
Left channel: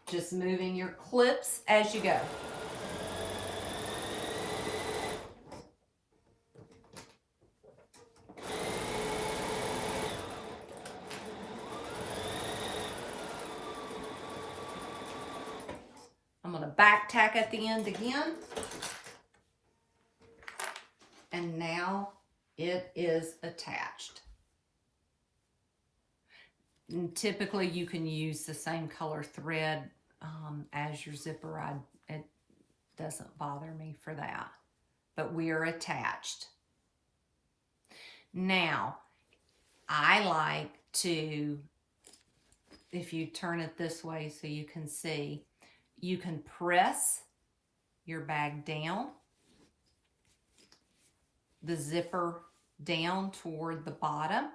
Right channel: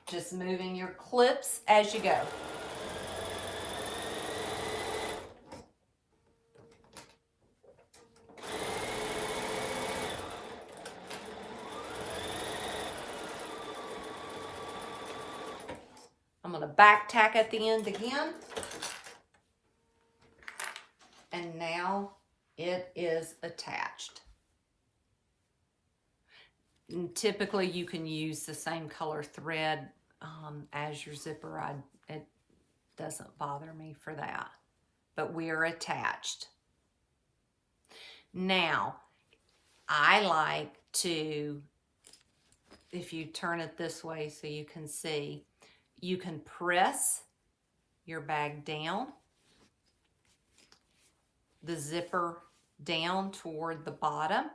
Just moving your clips as you go. I'm going to back tack at the end again. And now it is attached. And typically you can use the same color thread as your zipper. It doesn't bother me for that. But we're attached. Now, I like to, if you turn it this way so you can see, you can press your bag down, the zipper down toward the bottom,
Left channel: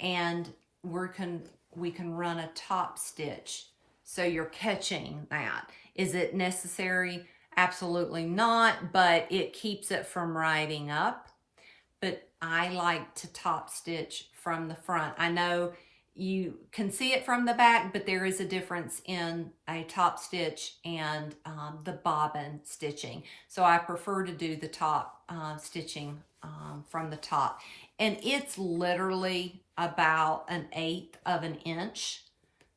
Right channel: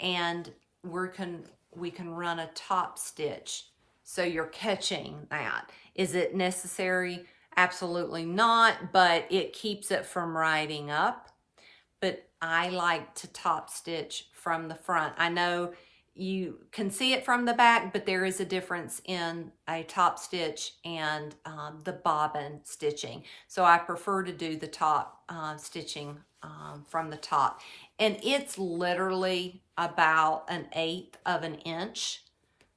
and we can run a top stitch. So you're catching that. Is it necessary? Absolutely not, but it keeps it from riding up. But I like to top stitch from the front. I know you can see it from the back, but there is a difference in a top stitch and the bobbin stitching. So I prefer to do the top stitching from the top. And it's literally about 1/8 of an inch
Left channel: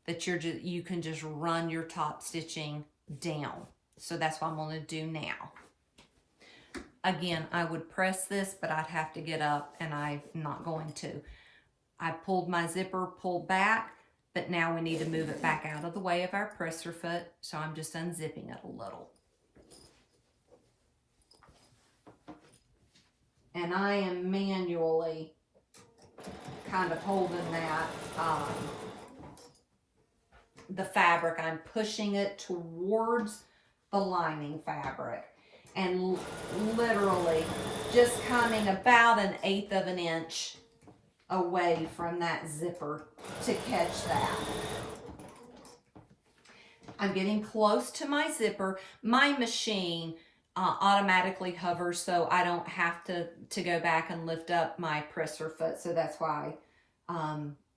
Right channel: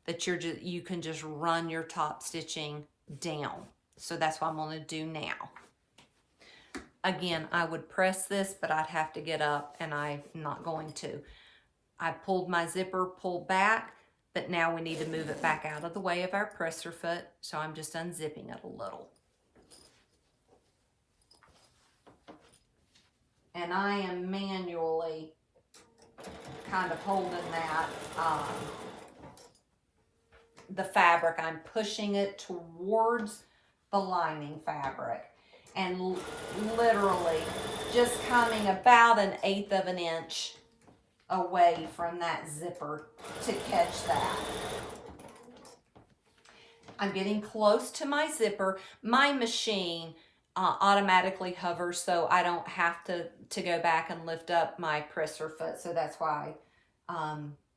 that you can just run your top stitching down. So that's what I'm going to do now. Again, I would press this, but I'd have to get up, and I'm not going to. I pulled my zipper, pulled back, but now we need to move it back out of the way of our presser foot. So I'm just unzipping it a little. And I am manually kind of holding that, the fabric. I'm pushing it towards the lining fabric. And literally just coming about 1/8 of an inch away from that zipper to catch that. I'm getting close to my zipper. My machine automatically hovers, so I don't have to go back and lift up my presser foot. So that's why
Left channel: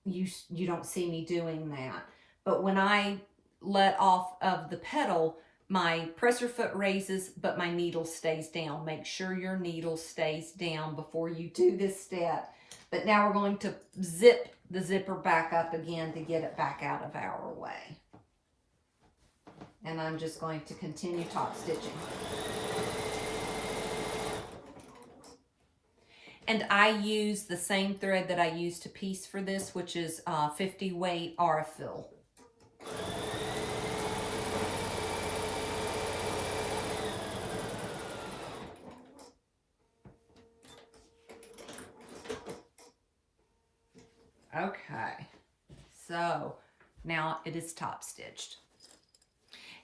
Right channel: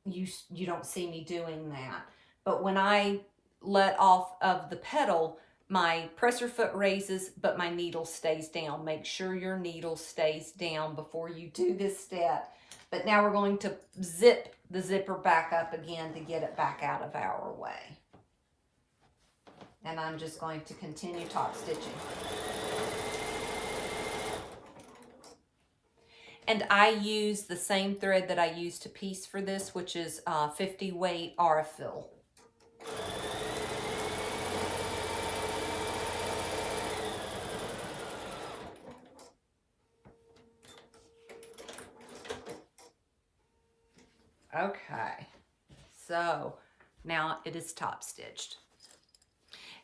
you don't see me doing that. But when I let off of the pedal, my presser foot raises, but my needle stays down. Make sure your needle stays down before you do this step. But now we're going to zip the zipper back up again to get it back out of our way. And I'm just going to continue top stitching. And I use the same thread that I use to piece for this, which is 50 weight Aurifil. Okay, so now it is top stitched.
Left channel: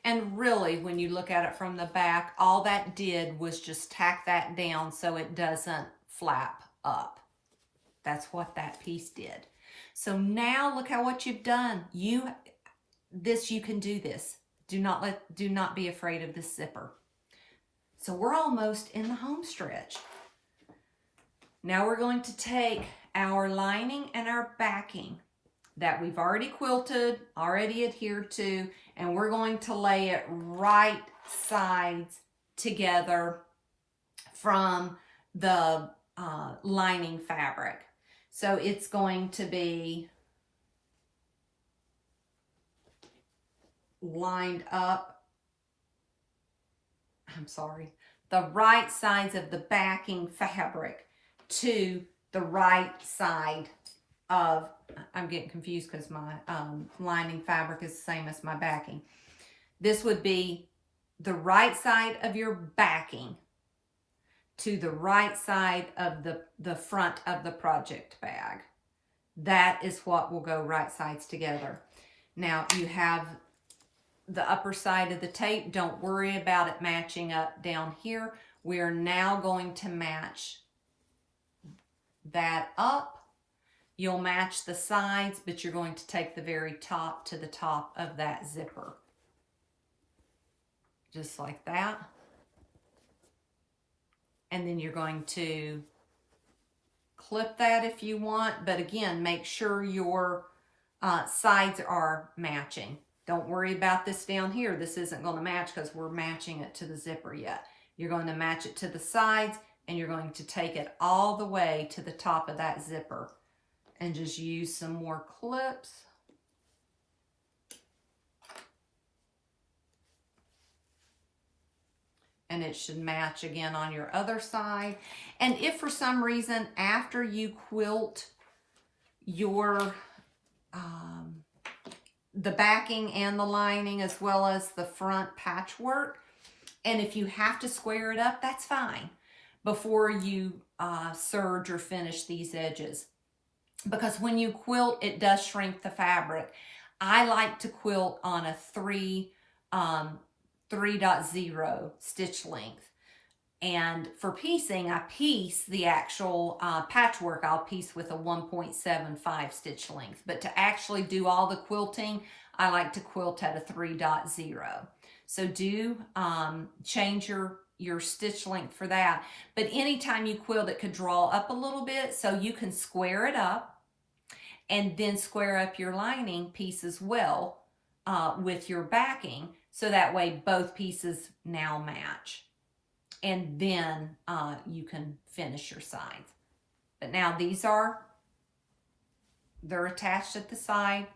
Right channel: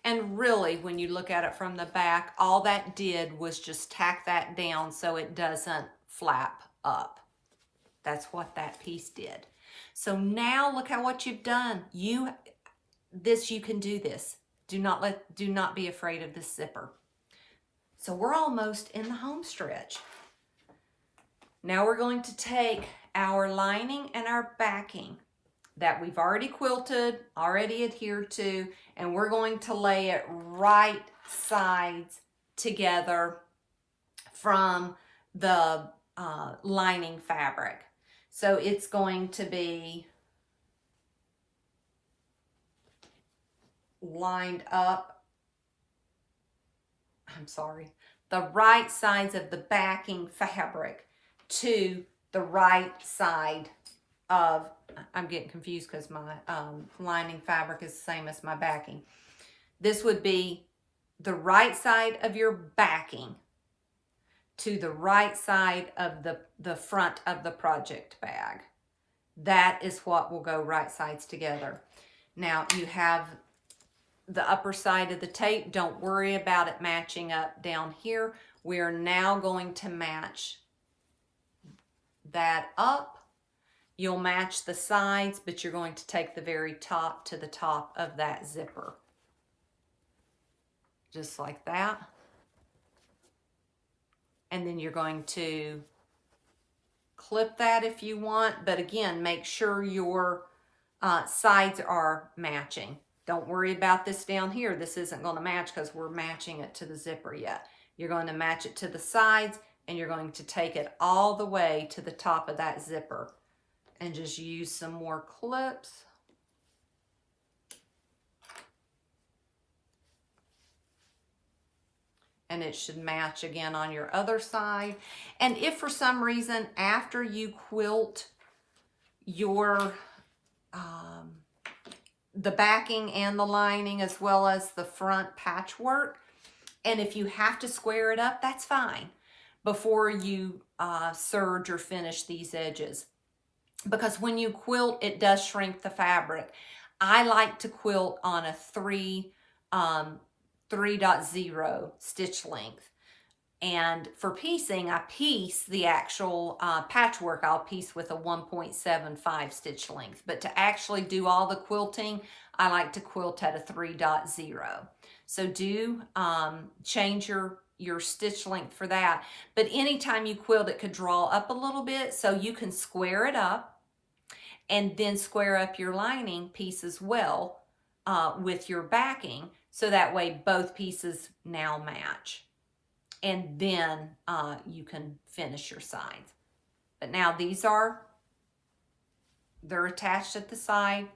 And really, when you look at it from the back, all that did was just tack that down so it doesn't flap up. That's what that piece did. So now look at what you've done. You can do this. Do not be afraid of this zipper. So we're almost in the home stretch. Now we're going to take our lining and our backing that we've already quilted, already adhered to, and we're going to lay it right sides together from the lining fabric. So it's going to be lined up, the right sides of the backing fabric to the right side of, I'm getting confused because my lining fabric is the same as my backing. This would be the right side of your backing to the right side of the front of the project bag. That is what will go right sides together. Now you have the upper side of the tape. Don't worry about it matching up down here. We are now going to match that up. You'll match the sides, but you're going to take the very top to the top of that zipper. Just like that. And then you're going to clip that if you want, but again, make sure your sides are matching. Don't worry about this down here. This isn't going to match because we're matching it to the zipper yet. You're going to match it to the sides, and you're going to take it all the way to the top of that zipper. And just use some more clips. And it should match again on your other side. And if for some reason after you quilt your the backing and the lining as well as the front patchwork, and if you have to square it up, that's fine before you serge or finish these edges. Because when you quilt, it does shrink the fabric. I like to quilt on a 3.0 stitch length. And for piecing, I piece the actual patchwork. I'll piece with a 1.75 stitch length. But to actually do all the quilting, I like to quilt at a 3.0. So do change your stitch length for that. But anytime you quilt, it could draw up a little bit, so you can square it up and then square up your lining piece as well with your backing, so that way both pieces now match. And then you can finish your sides. But now they're attached at the side,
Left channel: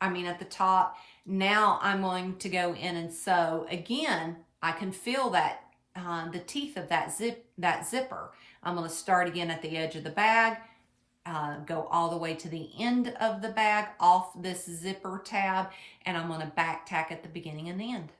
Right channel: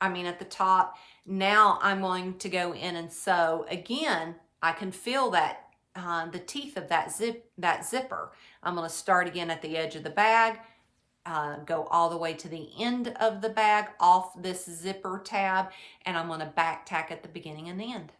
at the top. Now I'm going to go in and sew. Again, I can feel that the teeth of that zipper. I'm going to start again at the edge of the bag, go all the way to the end of the bag off this zipper tab, and I'm going to back tack at the beginning and the end.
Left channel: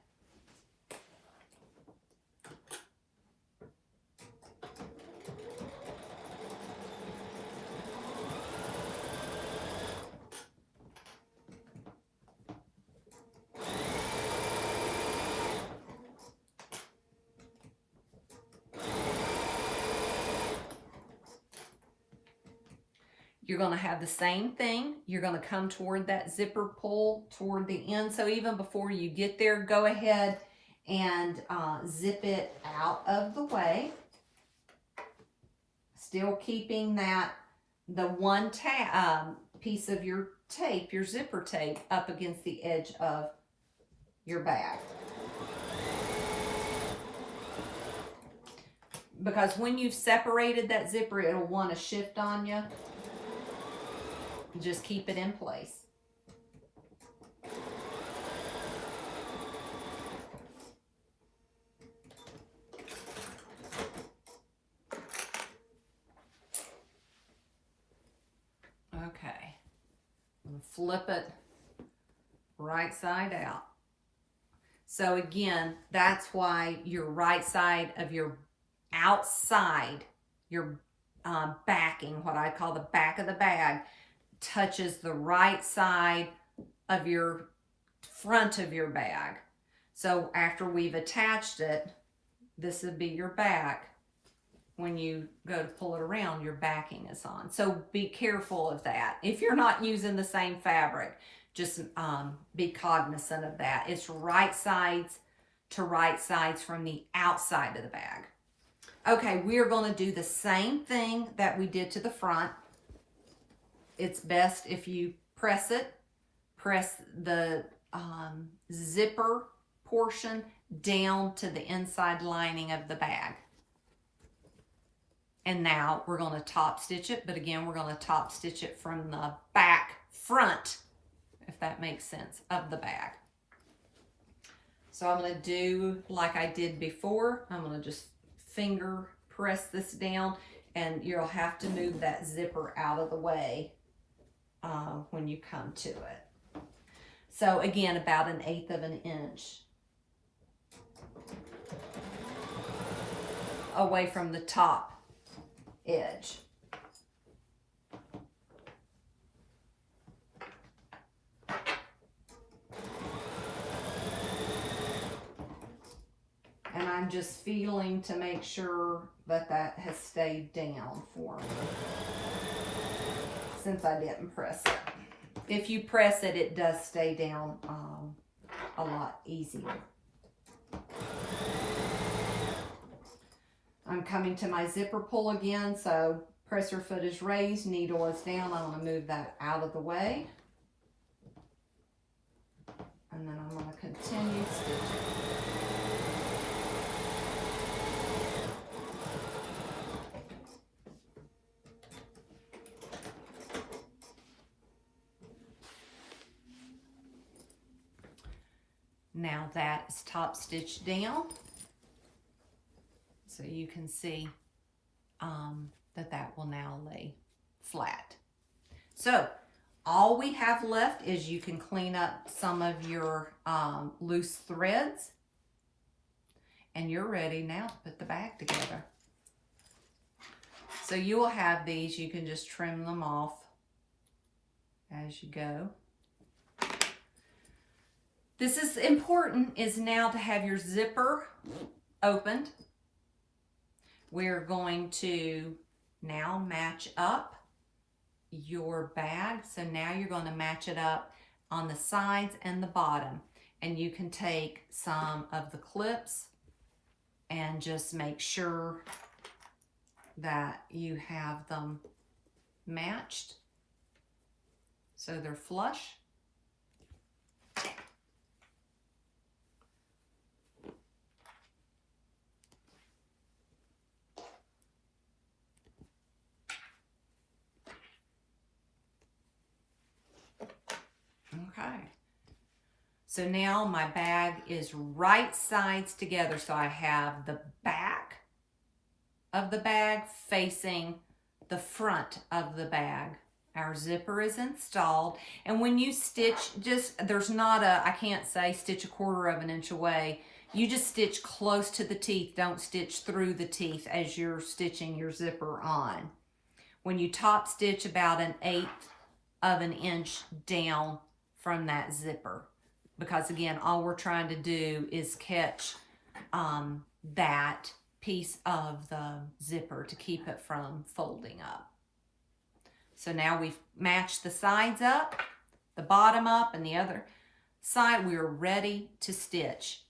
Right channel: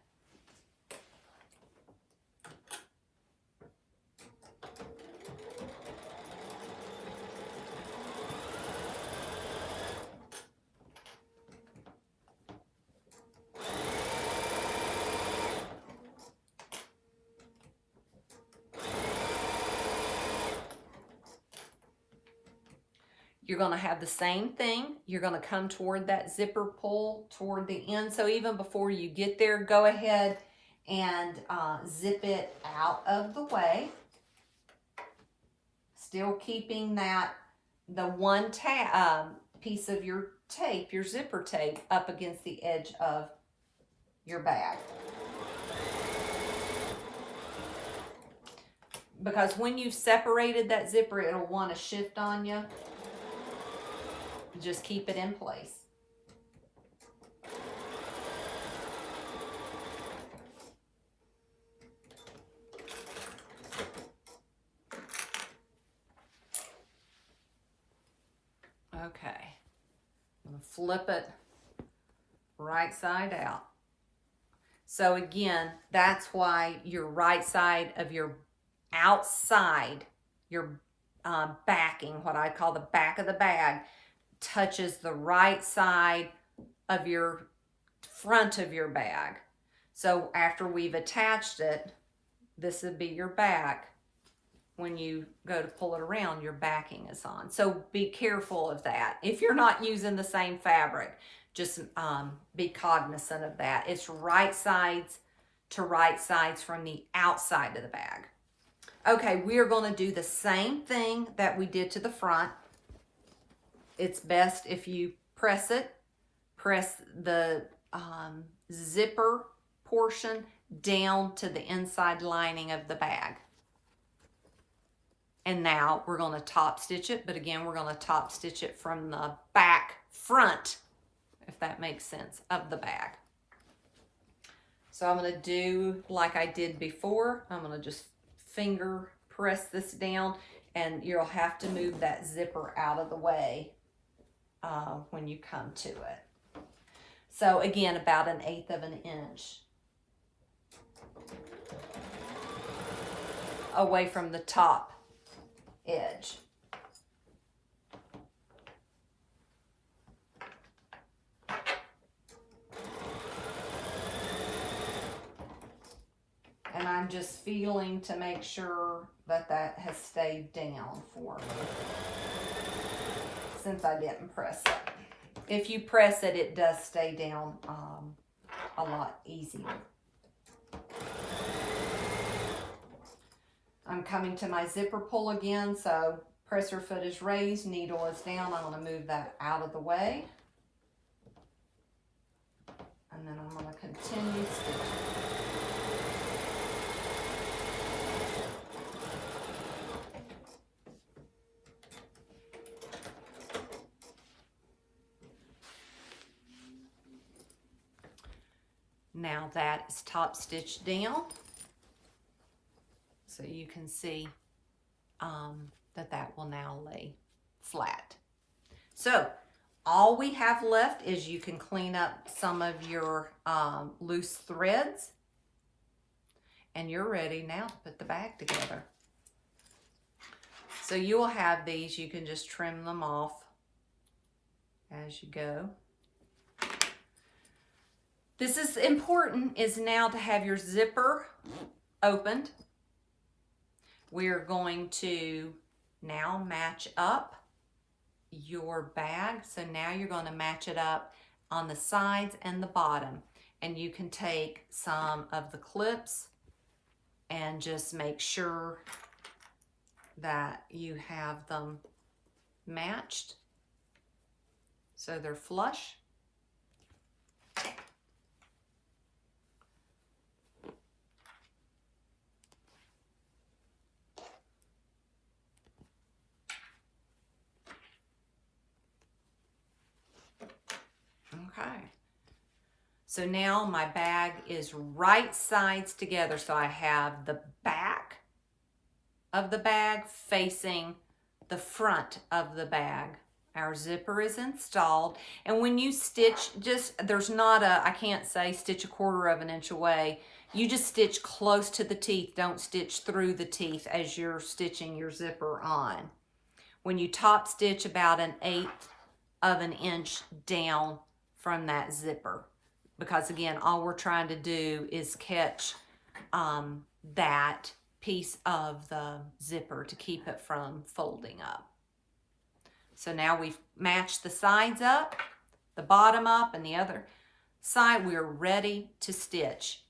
You're going to have the same thing. You're going to come toward that zipper pull toward the end. So even before you get there, go ahead and zip it out of the way. Still keeping the one piece of your tape, your zipper tape, up against the edge of your bag. Because when you've separated that zipper, it'll want to shift on you. Just keep it in place. Okay. I'm going to flip it right side out. So again, that's why your right side of your outside, your backing, what I call the back of the bag, touches the right side of your front of your bag. So after we've attached it, this would be your back. When you go to pull it around, your backing is on. So be careful of that. If you're not using the same fabric, just be cognizant of that. It's right sides to right sides from the outside of the bag. Okay, we're going to do the same thing that we did to the front. It's best if you press the zipper portion down to the inside lining of the bag. And now we're going to top stitch it, but again, we're going to top stitch it from the back front, if that makes sense, of the bag. So I'm going to do like I did before. I'm going to just finger press this down, and you'll have to move that zipper out of the way when you come to it. So again, about 1/8 of an inch away from the top edge. I'm just feeling to make sure that that has stayed down for me, since I didn't press it. If you press it, it does stay down a lot easier. I'm coming to my zipper pull again, so presser foot is raised, needle is down. I'm going to move that out of the way. And then I'm going to continue stitching. Now that is top stitched down. So you can see that will now lay flat. So all we have left is you can clean up some of your loose threads, and you're ready now to put the bag together. So you will have these, you can just trim them off as you go. This is important, is now to have your zipper opened. We're going to now match up your bag. So now you're going to match it up on the sides and the bottom. And you can take some of the clips and just make sure that you have them matched so they're flush. Okay, so now my bag is right sides together. So I have the back of the bag facing the front of the bag. Our zipper is installed. And when you stitch, there's not I can't say stitch 1/4 of an inch away. You just stitch close to the teeth. Don't stitch through the teeth as you're stitching your zipper on. When you top stitch, about 1/8 of an inch down from that zipper, because again, all we're trying to do is catch that piece of the zipper to keep it from folding up. So now we've matched the sides up, the bottom up, and the other side. We're ready to stitch.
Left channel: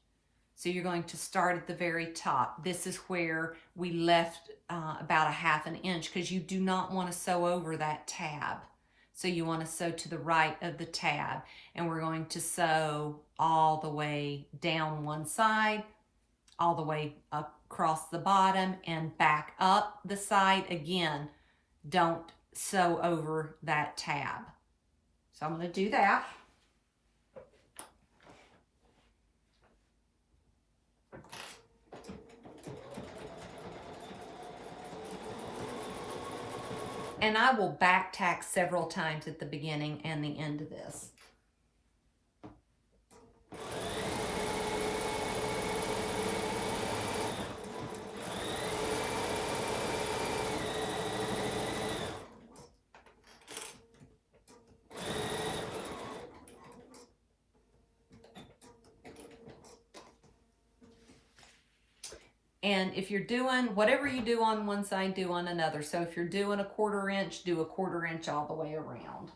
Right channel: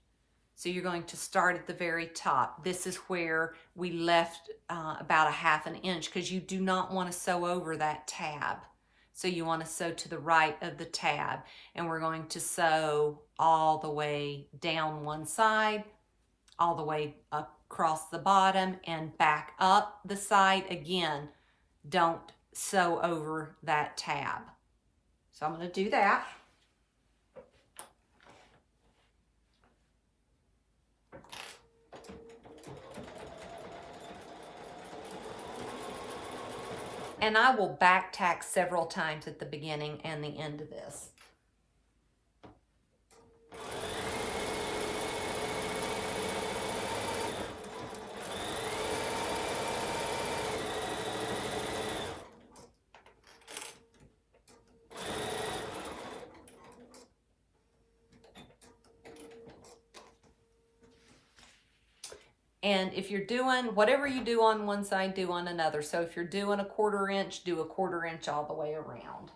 So you're going to start at the very top. This is where we left about 1/2 inch, because you do not want to sew over that tab. So you want to sew to the right of the tab, and we're going to sew all the way down one side, all the way across the bottom, and back up the side. Again, don't sew over that tab. So I'm going to do that. And I will back tack several times at the beginning and the end of this. And if you're doing, whatever you do on one side, do on another. So if you're doing 1/4 inch, do 1/4 inch all the way around.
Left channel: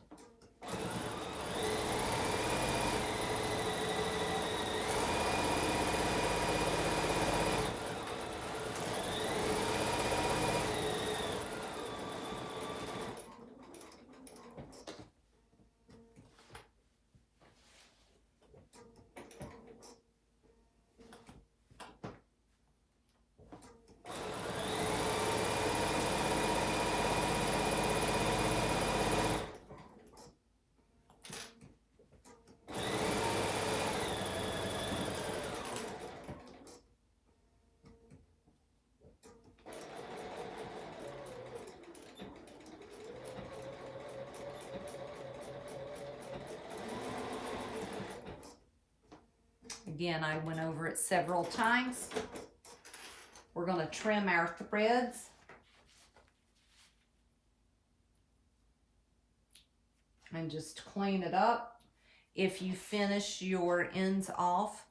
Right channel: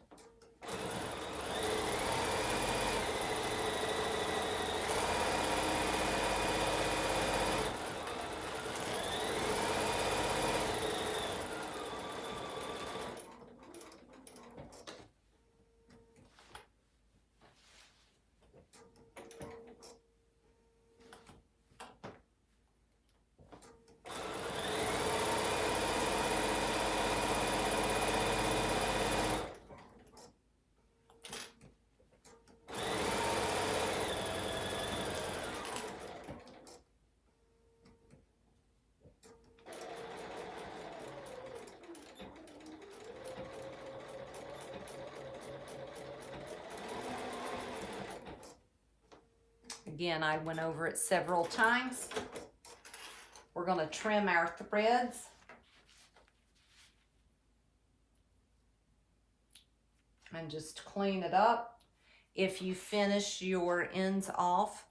Again, I went over it several times. We're going to trim our threads. And just clean it up. If you finish your ends off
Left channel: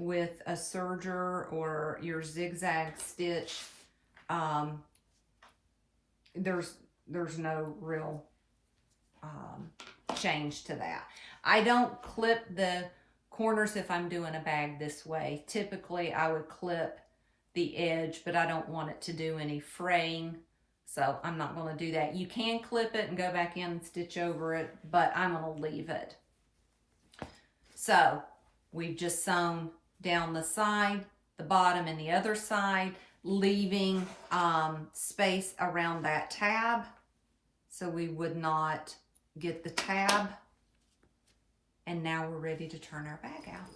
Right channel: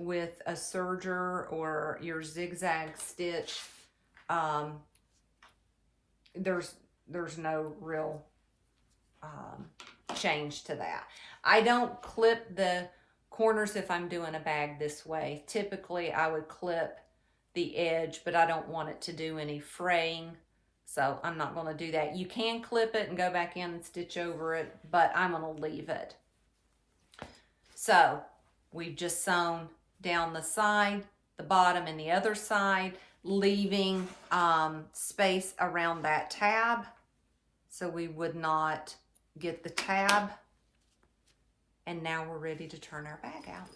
with a serger or your zigzag stitch, there's no real change to that. I don't clip the corners if I'm doing a bag this way. Typically I would clip the edge, but I don't want it to do any fraying, so I'm not going to do that. You can clip it and go back in and stitch over it, but I'm going to leave it. So we've just sewn down the side, the bottom, and the other side, leaving space around that tab so we would not get the tab. And now we're ready to turn our bag out.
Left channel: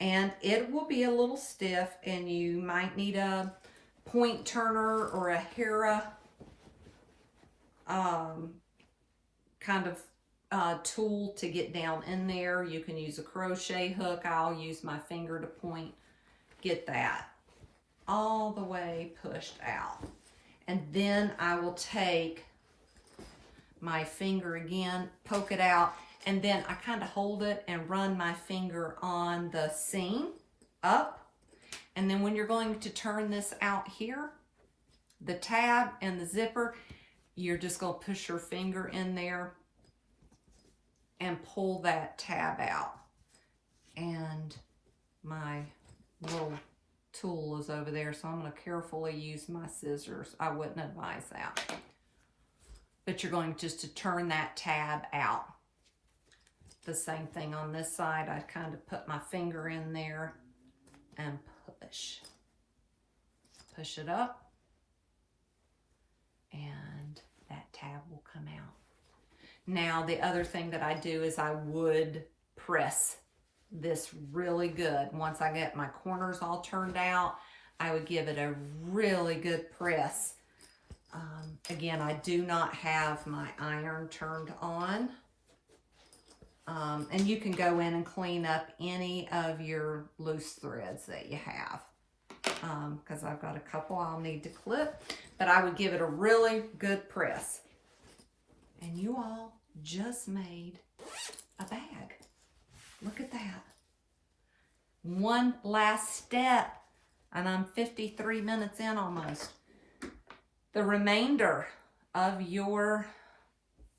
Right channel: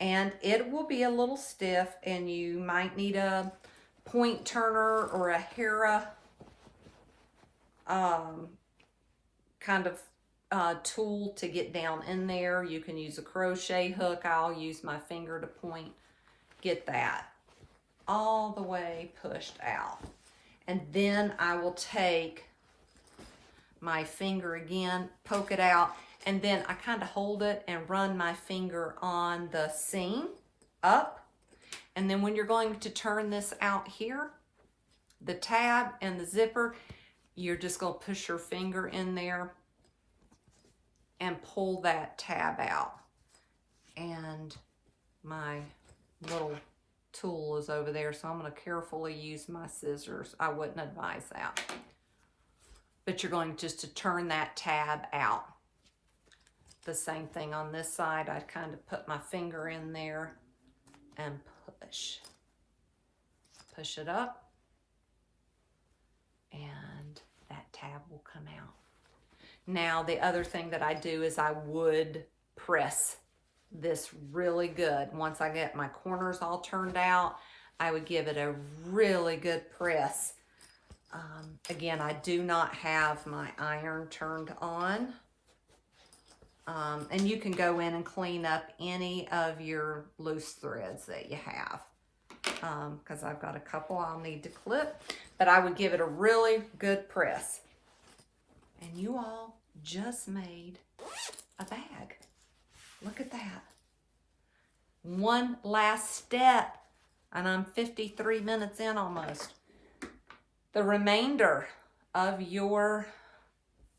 And it will be a little stiff, and you might need a point turner or a Hera kind of tool to get down in there. You can use a crochet hook. I'll use my finger to point. Get that all the way pushed out. And then I will take my finger again, poke it out, and then I kind of hold it and run my finger on the seam up. And then when you're going to turn this out here, the tab and the zipper, you're just going to push your finger in there and pull that tab out. And my little tool is over there, so I'm going to carefully use my scissors. I wouldn't advise that. But you're going just to turn that tab out. The same thing on this side. I kind of put my finger in there and push. Push it up, and that tab will come out. Now, the other thing that I do is I would press this really good. Once I get my corners all turned out, I would give it a really good press. Again, I do not have my iron turned on. And you can go in and clean up any of your loose threads that you have. Because I've got a couple I'll need to clip. But I would give it a really good press. And you all just made a bag. Look at that. One last step. And I'm 53 minutes in almost. The remainder of your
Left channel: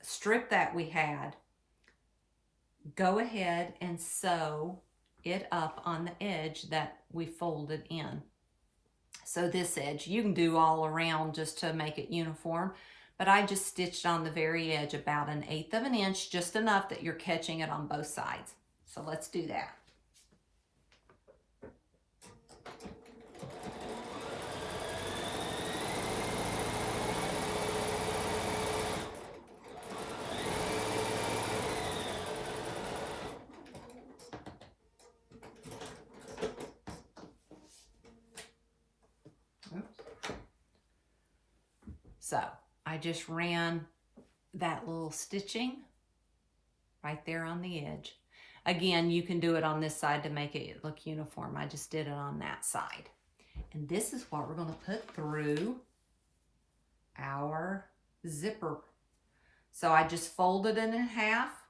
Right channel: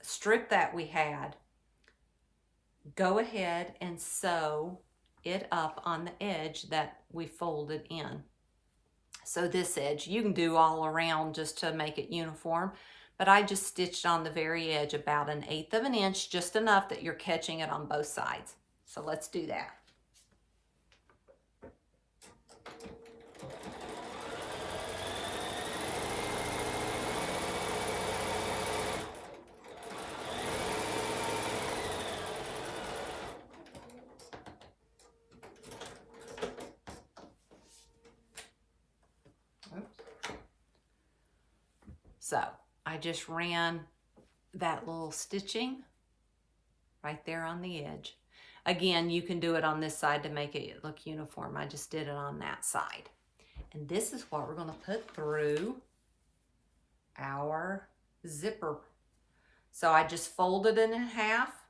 strip that we had, go ahead and sew it up on the edge that we folded in. So this edge, you can do all around just to make it uniform, but I just stitched on the very edge about 1/8 of an inch, just enough that you're catching it on both sides. So let's do that. So I just ran that little stitching right there on the edge. Again, you can do it on this side to make it look uniform. I just did it on that side. And this is what we're going to put through our zipper. So I just folded it in half,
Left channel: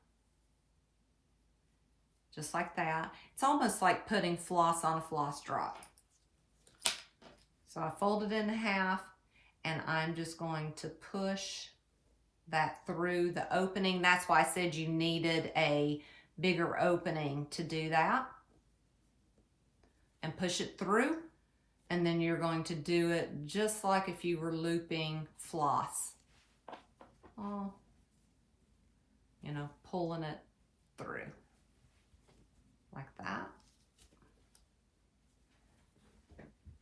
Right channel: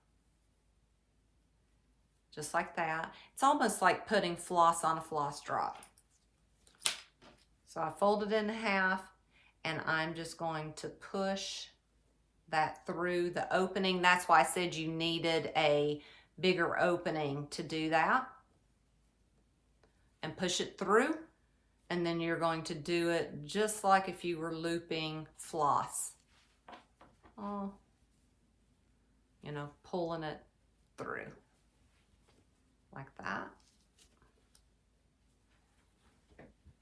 just like that. It's almost like putting floss on a floss drop. So I folded it in half, and I'm just going to push that through the opening. That's why I said you needed a bigger opening to do that. And push it through. And then you're going to do it just like if you were looping floss. Oh, you know, pulling it through. Like that.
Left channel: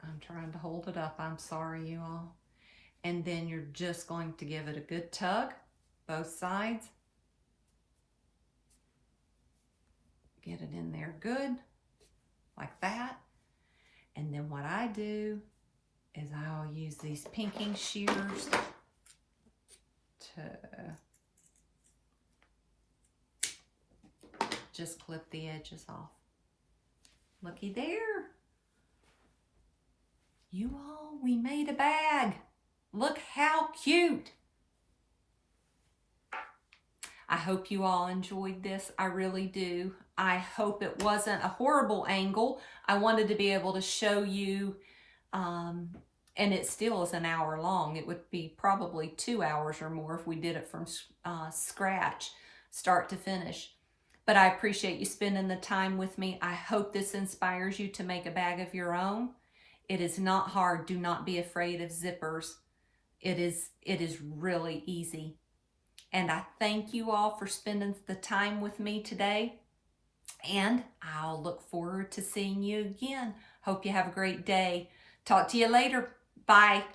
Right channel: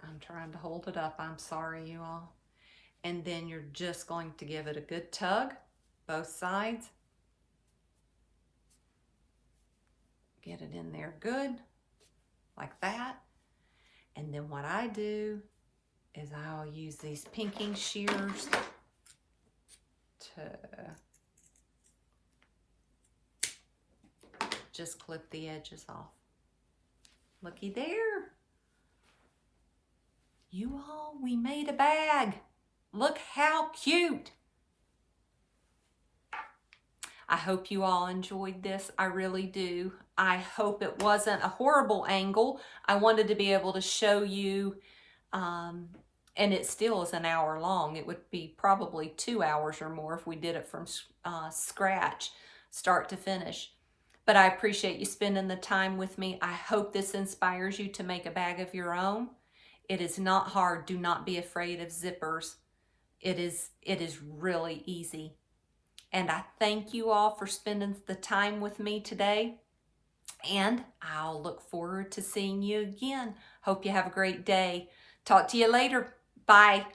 I'm trying to hold it up. I'm sorry, you all. And then you're just going to give it a good tug, both sides. Get it in there good, like that. And then what I do is I'll use these pinking shears to just clip the edges off. Looky there. You all, we made a bag. Look how cute. I hope you all enjoyed this. I really do. I hope it wasn't a horrible angle. I wanted to be able to show you, and it still is an hour long. It would be probably 2 hours or more if we did it from scratch, start to finish. But I appreciate you spending the time with me. I hope this inspires you to make a bag of your own. It is not hard. Do not be afraid of zippers. It is really easy. And I thank you all for spending the time with me today. And I'll look forward to seeing you again. Hope you have a great day. Talk to you later. Bye.